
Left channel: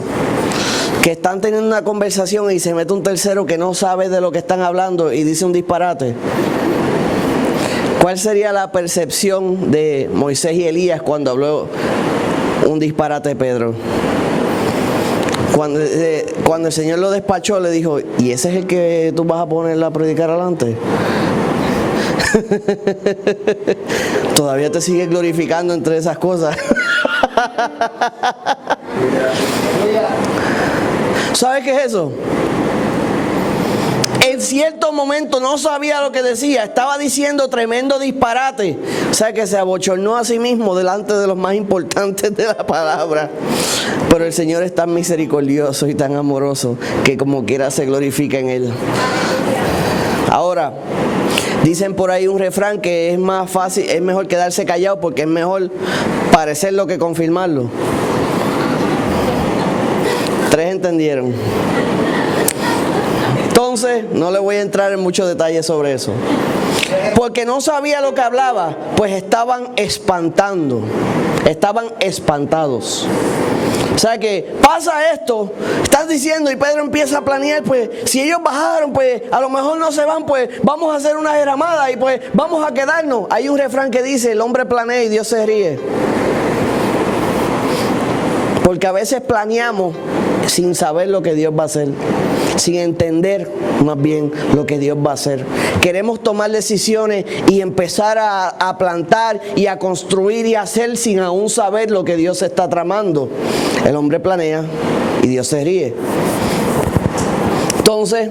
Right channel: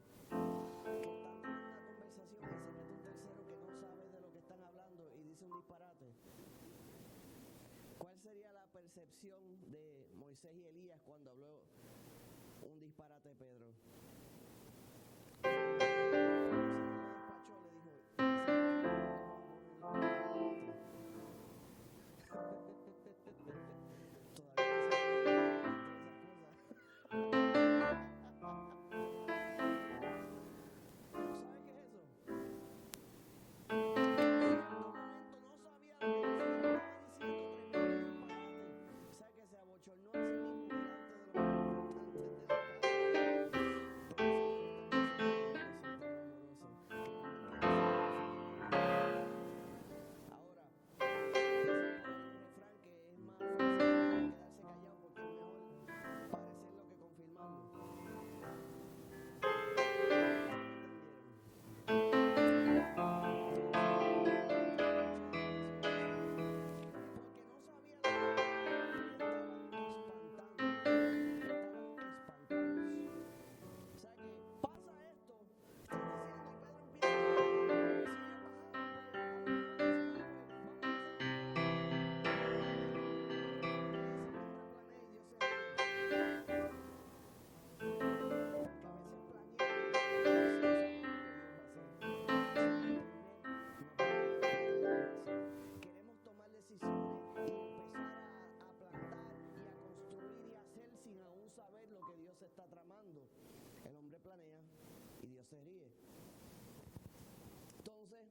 Que están teniendo una conversación y se mete un tercero que no sabe de lo que están hablando y dice un disparate. ¿Cuál sería la percepción de Moisés y Elías cuando habló un disparate de Pedro? Cuando el Señor lo despachó, le dijo, ¿y ese es el que tú vas a poner a predicar adelante? Todavía te sigues glorificando entre esas cosas. ¿Sabes qué es eso? En cierto momento no sabía lo que decía, estaba diciendo tremendo disparate. O sea que se abochornó a sí mismo delante de los más importantes de la palabra. Pero el Señor es tan misericordioso y tan amoroso que como quiera se glorifica en Él. Ahora, dicen por ahí un refrán que es más fácil, es mejor quedarse callado porque es mejor parecerlo que confirmarlo. 3 entendieron. Entonces, no le voy a entrar en muchos detalles sobre eso. Porque no sabía lo que hablaba, pues estaban espantando, estaban espantados. O sea que pasa esto, estás diciendo y Pedro empieza a planear, pues si ellos bajaron, pues a lo mejor no se van, pues vamos a hacer una derramada y pues vamos a quedarnos. Hay un refrán que dice, el hombre planea y Dios se ríe. Porque a veces planeamos sin saber lo que Dios va a hacer, sin entender más bien lo que Dios va a hacer. Queremos tomar decisiones y empezar a plantar y a construir y a hacer sin aún saber lo que Dios está tramando. El hombre planea y Dios se ríe. Entonces,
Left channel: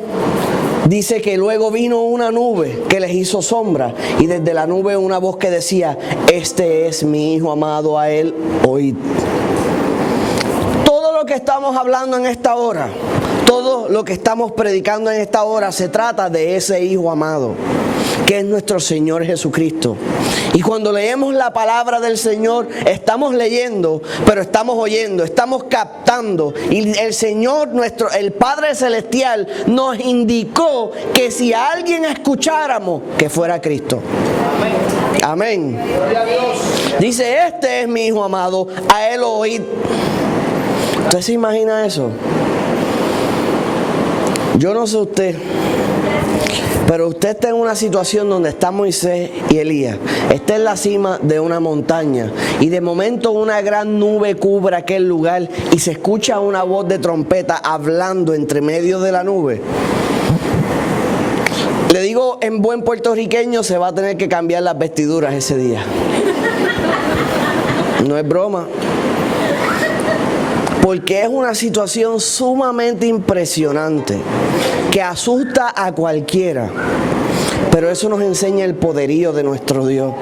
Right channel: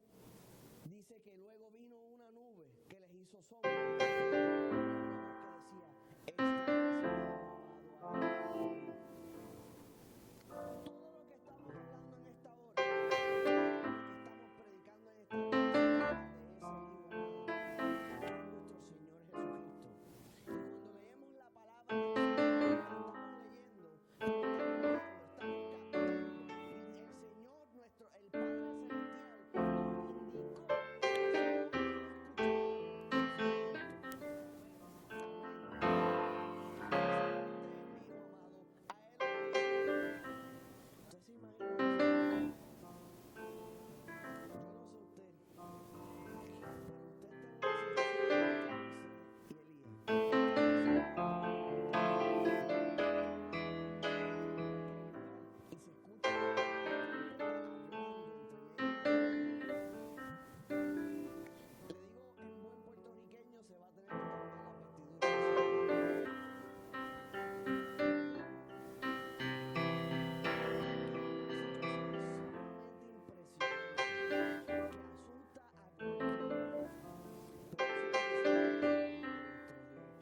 dice que luego vino una nube que les hizo sombra y desde la nube una voz que decía, este es mi Hijo amado, a Él oíd. Todo lo que estamos hablando en esta hora, todo lo que estamos predicando en esta hora se trata de ese Hijo amado, que es nuestro Señor Jesucristo. Y cuando leemos la palabra del Señor, estamos leyendo, pero estamos oyendo, estamos captando. Y el Señor, el Padre Celestial, nos indicó que si a alguien escucháramos, que fuera Cristo. Amén. Dice, este es mi Hijo amado, a Él oíd. ¿Usted se imagina eso? Yo no sé usted, pero usted está en una situación donde está Moisés y Elías. Está en la cima de una montaña y de momento una gran nube cubre aquel lugar y se escucha una voz de trompeta hablando entre medio de la nube. Le digo en buen puertorriqueño, se va a tener que cambiar las vestiduras ese día. No es broma. Porque es una situación sumamente impresionante que asusta a cualquiera. Pero eso nos enseña el poderío de nuestro Dios.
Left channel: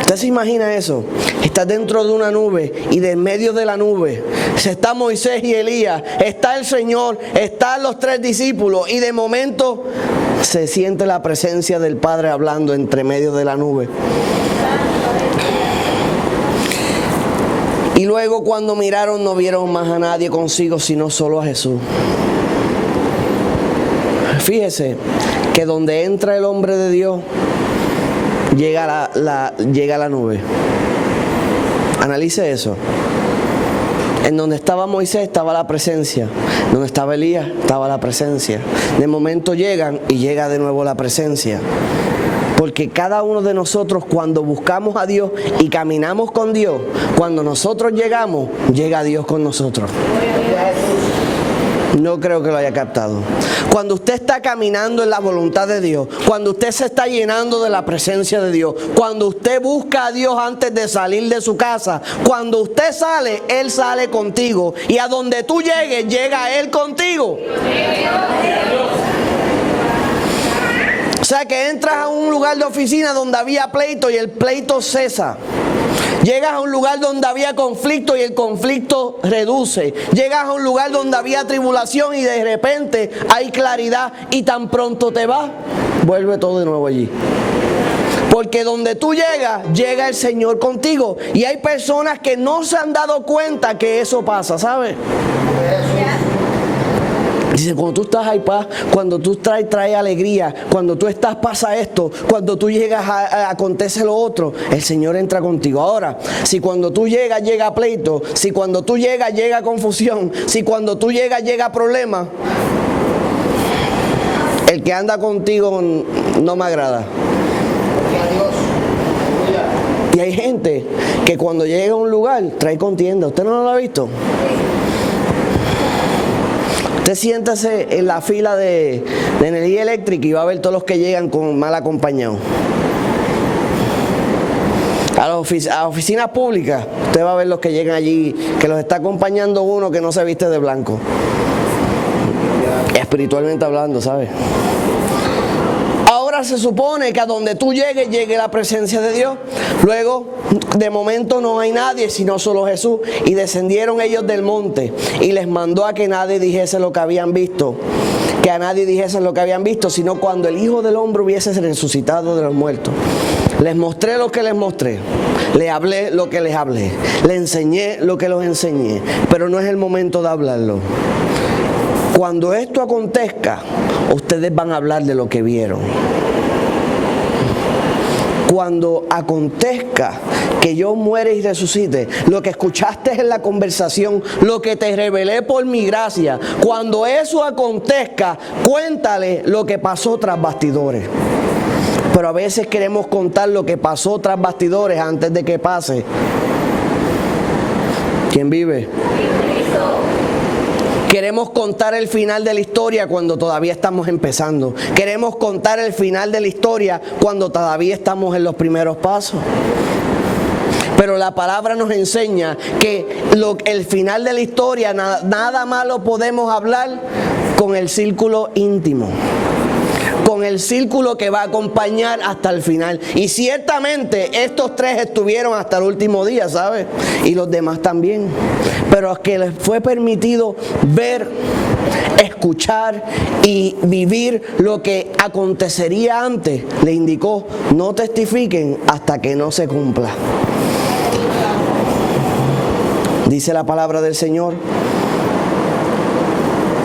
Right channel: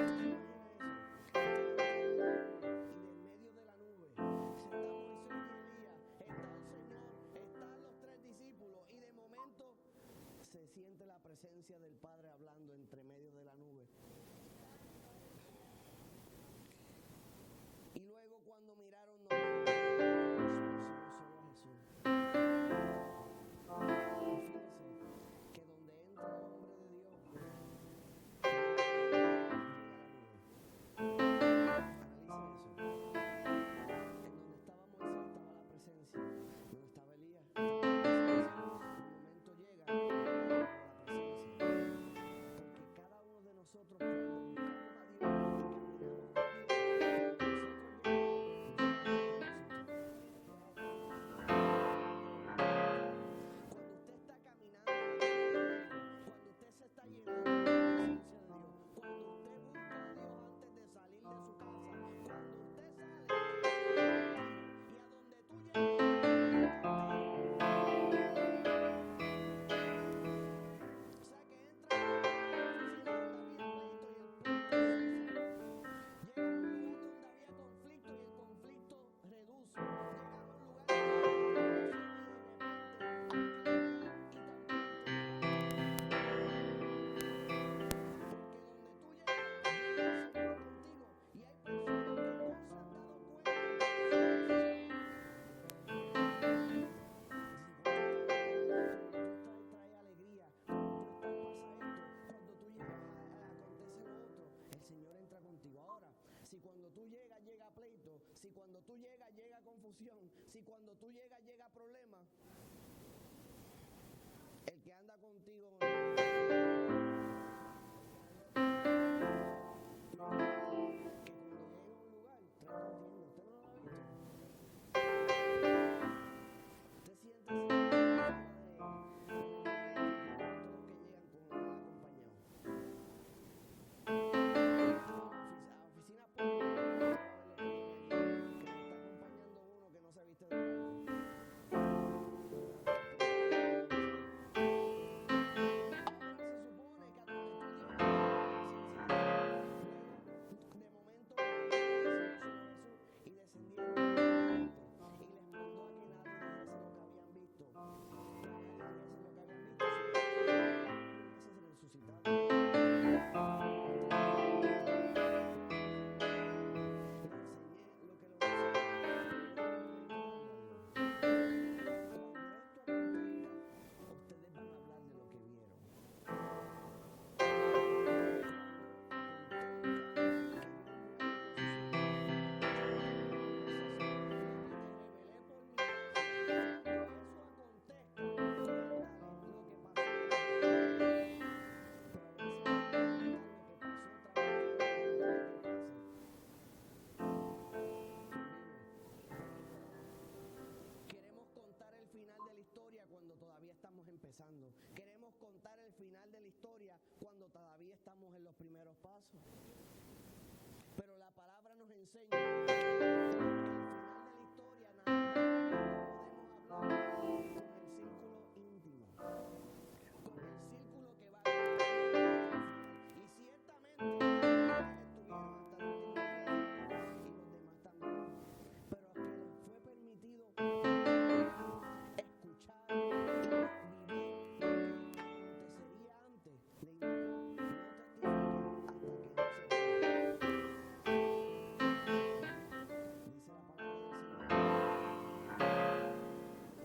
¿Usted se imagina eso? Está dentro de una nube y de en medio de la nube está Moisés y Elías, está el Señor, están los 3 discípulos y de momento se siente la presencia del Padre hablando entre medio de la nube. Y luego cuando miraron no vieron más a nadie consigo, sino solo a Jesús. Fíjese que donde entra el hombre de Dios, llega la nube. Analice eso. En donde estaba Moisés estaba la presencia. Donde estaba Elías estaba la presencia. De momento llegan y llega de nuevo la presencia. Porque cada uno de nosotros cuando buscamos a Dios y caminamos con Dios, cuando nosotros llegamos, llega Dios con nosotros. No creo que lo haya captado. Cuando usted está caminando en la voluntad de Dios, cuando usted se está llenando de la presencia de Dios, cuando usted busca a Dios antes de salir de su casa, cuando usted sale, Él sale contigo. Y a donde tú llegues, llega Él contigo. O sea que entras a un lugar de oficina donde había pleito y el pleito cesa. Llegas a un lugar donde había conflicto y el conflicto reduce. Llegas a un lugar donde había tribulación y de repente hay claridad, y tan pronto te vas, vuelve todo de nuevo allí. Porque donde tú llegas, llega el Señor contigo. Y hay personas que no se han dado cuenta que eso pasa, ¿sabes? Dice, cuando tú estás ahí paz, cuando tú traes alegría, cuando tú estás pasa esto, cuando tú llegas acontece lo otro, el Señor entra contigo. Ahora, si cuando tú llegas llega pleito, si cuando tú llegas llega confusión, si cuando tú llegas llega problema, el que anda contigo no me agrada. Y hay gente que cuando llega a un lugar trae contienda. ¿Usted no lo ha visto? Usted siéntase en la fila de energía eléctrica y va a ver todos los que llegan con mal acompañados. A las oficinas públicas, usted va a ver los que llegan allí, que los está acompañando uno que no se viste de blanco. Espiritualmente hablando, ¿sabes? Ahora se supone que a donde tú llegues, llegue la presencia de Dios. Luego, de momento no hay nadie, sino solo Jesús. Y descendieron ellos del monte y les mandó a que nadie dijese lo que habían visto. Que a nadie dijesen lo que habían visto, sino cuando el Hijo del Hombre hubiese resucitado de los muertos. Les mostré lo que les mostré. Les hablé lo que les hablé. Les enseñé lo que los enseñé. Pero no es el momento de hablarlo. Cuando esto acontezca, ustedes van a hablar de lo que vieron. Cuando acontezca que yo muere y resucite, lo que escuchaste en la conversación, lo que te revelé por mi gracia, cuando eso acontezca, cuéntale lo que pasó tras bastidores. Pero a veces queremos contar lo que pasó tras bastidores antes de que pase. ¿Quién vive? Queremos contar el final de la historia cuando todavía estamos empezando. Queremos contar el final de la historia cuando todavía estamos en los primeros pasos. Pero la palabra nos enseña que el final de la historia nada más lo podemos hablar con el círculo íntimo, con el círculo que va a acompañar hasta el final. Y ciertamente estos tres estuvieron hasta el último día, ¿sabes? Y los demás también. Pero es que les fue permitido ver, escuchar y vivir lo que acontecería antes. Le indicó, no testifiquen hasta que no se cumpla. Dice la palabra del Señor.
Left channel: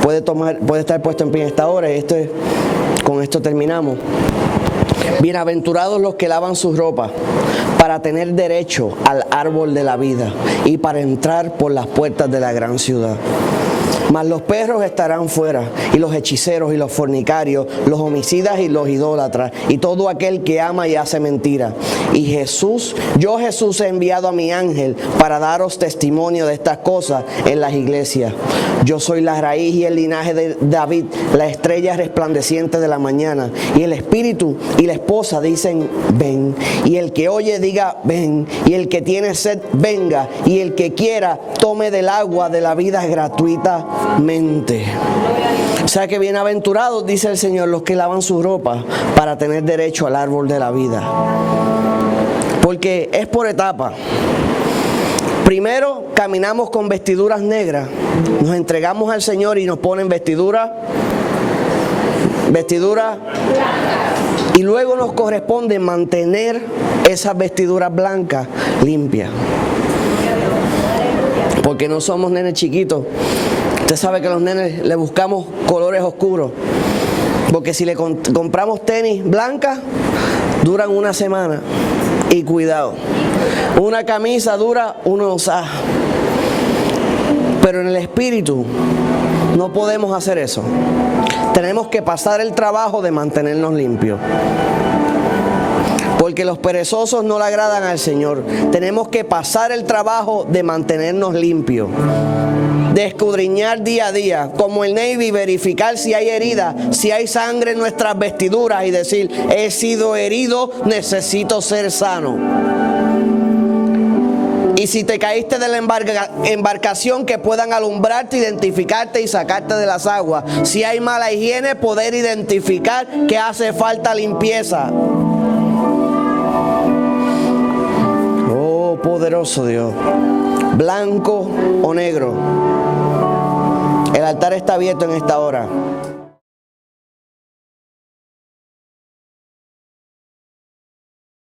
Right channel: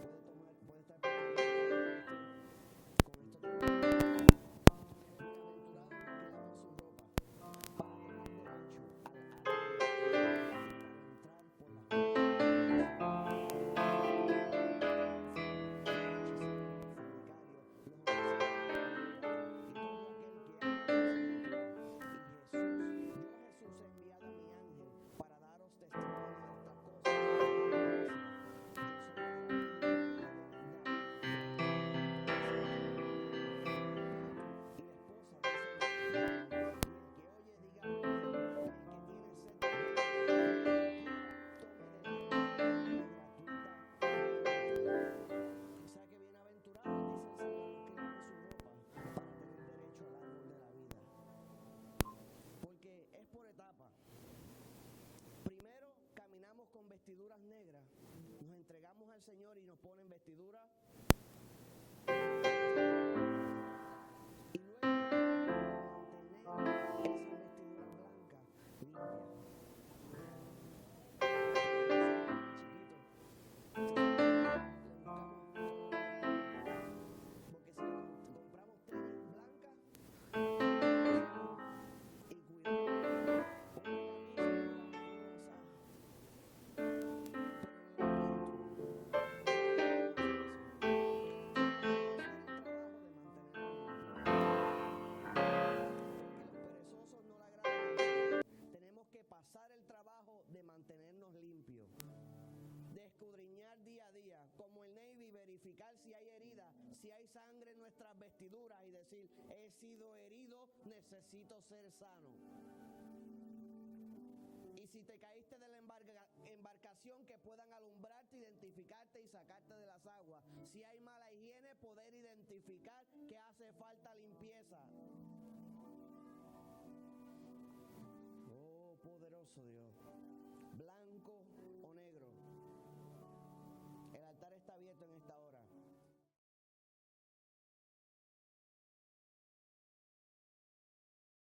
Puede estar puesto en pie en esta hora. Con esto terminamos. Bienaventurados los que lavan sus ropas para tener derecho al árbol de la vida y para entrar por las puertas de la gran ciudad. Mas los perros estarán fuera, y los hechiceros y los fornicarios, los homicidas y los idólatras, y todo aquel que ama y hace mentira. Y yo Jesús he enviado a mi ángel para daros testimonio de estas cosas en las iglesias. Yo soy la raíz y el linaje de David, la estrella resplandeciente de la mañana. Y el espíritu y la esposa dicen, ven. Y el que oye diga, ven. Y el que tiene sed, venga. Y el que quiera, tome del agua de la vida gratuitamente. O sea que bienaventurados, dice el Señor, los que lavan su ropa para tener derecho al árbol de la vida. Porque es por etapa. Primero caminamos con vestiduras negras, nos entregamos al Señor y nos ponen vestidura, y luego nos corresponde mantener esas vestiduras blancas limpias. Porque no somos nenes chiquitos. Usted sabe que a los nenes le buscamos colores oscuros. Porque si le compramos tenis blancas, duran una semana. Y cuidado, una camisa dura unos años. Pero en el espíritu no podemos hacer eso. Tenemos que pasar el trabajo de mantenernos limpios. Porque los perezosos no le agradan al Señor. Tenemos que pasar el trabajo de mantenernos limpios. de escudriñar día a día, como el Navy, verificar si hay herida, si hay sangre en nuestras vestiduras y decir, he sido herido, necesito ser sano. Y si te caíste de la embarcación, que puedan alumbrarte, identificarte y sacarte de las aguas. Si hay mala higiene, poder identificar que hace falta limpieza. Oh, poderoso Dios. Blanco o negro. El altar está abierto en esta hora.